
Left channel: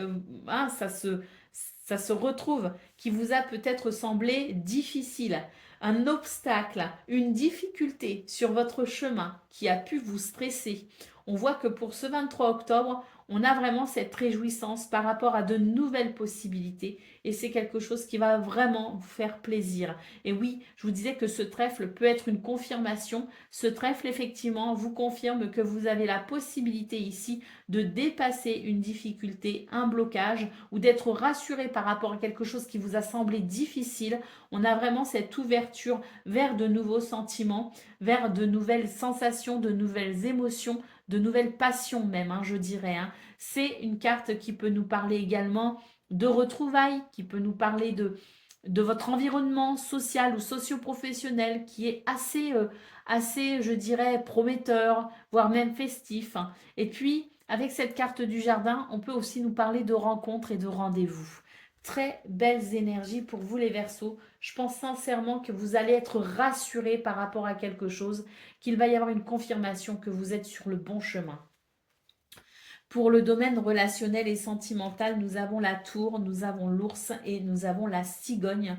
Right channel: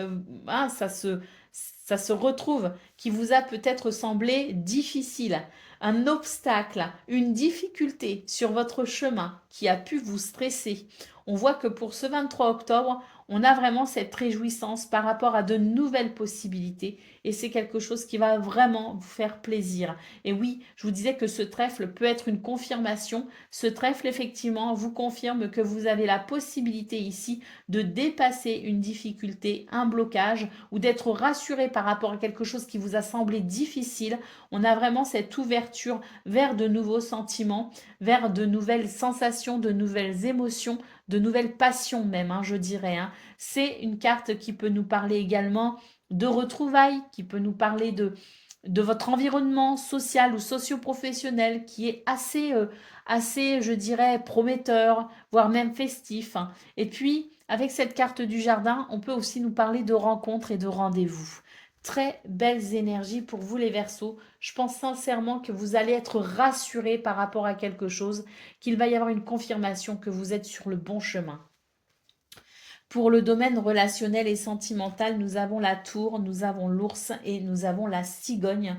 ça se retrouve, qui vous a peut-être semblé difficile. Un obstacle, une difficulté sur votre chemin qui a pu vous stresser. On voit que pour ce 23 octobre, on a vraiment cette réjouissance par rapport à de nouvelles possibilités et c'est quelque chose qui va vraiment vous faire plaisir. Et oui, je vous disais que ce trèfle peut être une confirmation. Ce trèfle, effectivement, vous confirme que vous avez la possibilité ici de dépasser une difficulté, un blocage ou d'être rassuré par rapport à quelque chose qui vous a semblé difficile. On a vraiment cette ouverture vers de nouveaux sentiments, vers de nouvelles sensations, de nouvelles émotions, de nouvelles passions même, je dirais. C'est une carte qui peut nous parler également de retrouvailles, qui peut nous parler de votre environnement social ou socio-professionnel qui est assez, je dirais, prometteur, voire même festif. Et puis, avec cette carte du jardin, on peut aussi nous parler de rencontres et de rendez-vous. Très belles énergies pour vous les Verseaux. Je pense sincèrement que vous allez être rassurés par rapport à quelque chose, qu'il va y avoir une confirmation que vous êtes sur le bon chemin. Pour le domaine relationnel et sentimental, nous avons la tour, nous avons l'ours et nous avons la cigogne.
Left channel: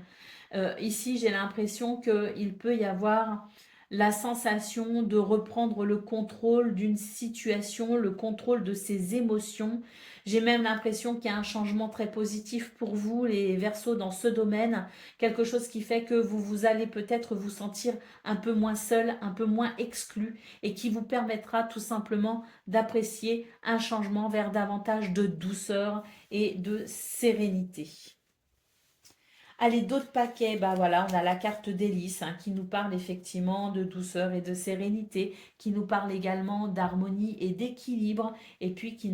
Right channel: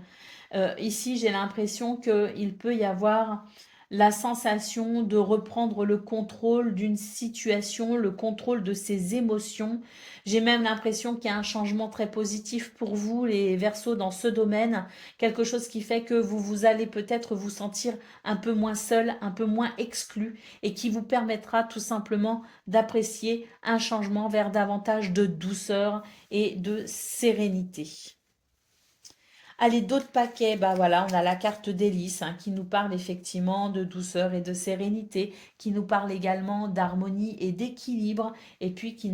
Ici, j'ai l'impression qu'il peut y avoir la sensation de reprendre le contrôle d'une situation, le contrôle de ses émotions. J'ai même l'impression qu'il y a un changement très positif pour vous, les Verseaux, dans ce domaine. Quelque chose qui fait que vous allez peut-être vous sentir un peu moins seul, un peu moins exclu et qui vous permettra tout simplement d'apprécier un changement vers davantage de douceur et de sérénité. Allez, d'autres paquets, ben voilà, on a la carte d'hélice qui nous parle effectivement de douceur et de sérénité, qui nous parle également d'harmonie et d'équilibre, et puis qui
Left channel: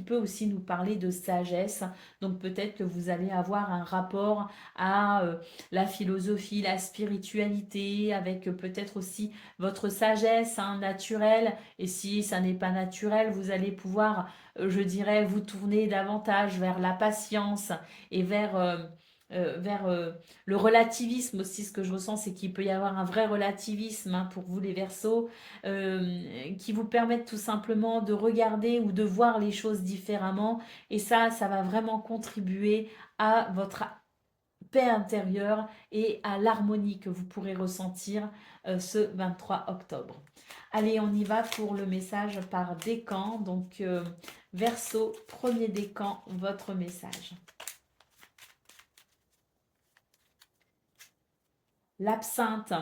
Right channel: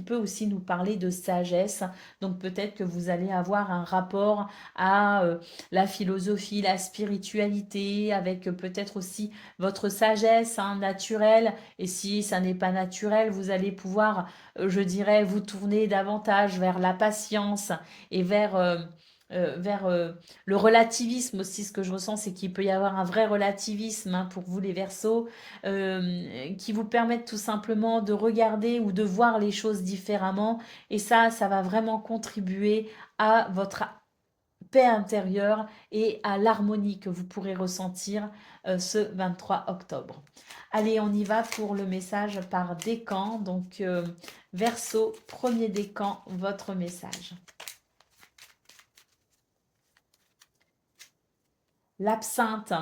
peut aussi nous parler de sagesse. Donc peut-être que vous allez avoir un rapport à la philosophie, la spiritualité, avec peut-être aussi votre sagesse naturelle. Et si ça n'est pas naturel, vous allez pouvoir, je dirais, vous tourner davantage vers la patience et vers vers le relativisme aussi. Ce que je ressens, c'est qu'il peut y avoir un vrai relativisme hein, pour vous les Verseaux, qui vous permettent tout simplement de regarder ou de voir les choses différemment. Et ça va vraiment contribuer à votre paix intérieure et à l'harmonie que vous pourrez ressentir ce 23 octobre. Allez, on y va pour le message par décan. Donc, Verseau, premier décan, votre message. L'absinthe,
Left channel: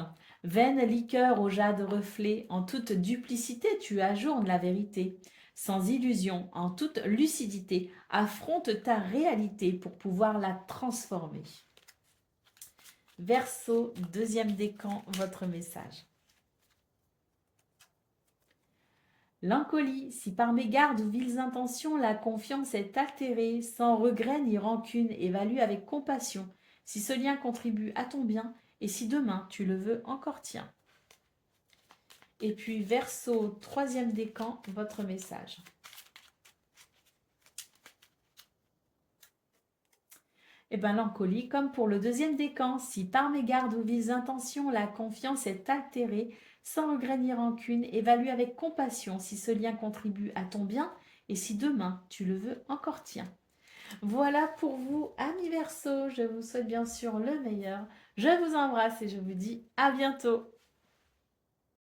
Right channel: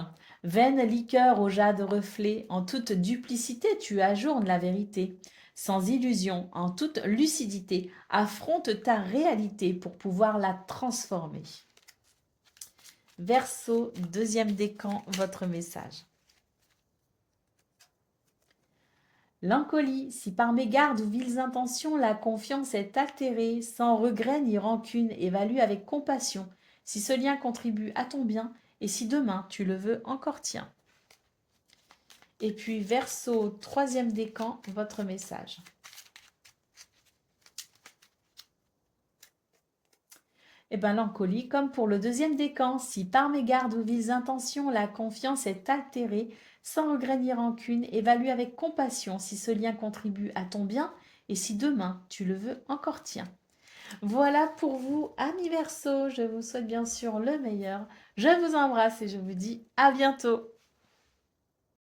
vaine liqueur au jade reflet, en toute duplicité tu ajournes la vérité. Sans illusion, en toute lucidité, affronte ta réalité pour pouvoir la transformer. Verseau, deuxième décan, votre message. L'encolie, si par mégarde ou viles intentions la confiance est altérée, sans regret ni rancune, évalue avec compassion, si ce lien contribue à ton bien, et si demain tu le veux encore tien. Et puis Verseau, troisième décan, votre message. Et bien l'encolie, comme pour le deuxième décan, si par mégarde ou viles intentions la confiance est altérée, sans regret ni rancune, évalue avec compassion si ce lien contribue à ton bien et si demain tu le veux encore tien. Voilà pour vous, amis Verseaux, je vous souhaite bien sûr le meilleur. Je vous embrasse et je vous dis à bientôt.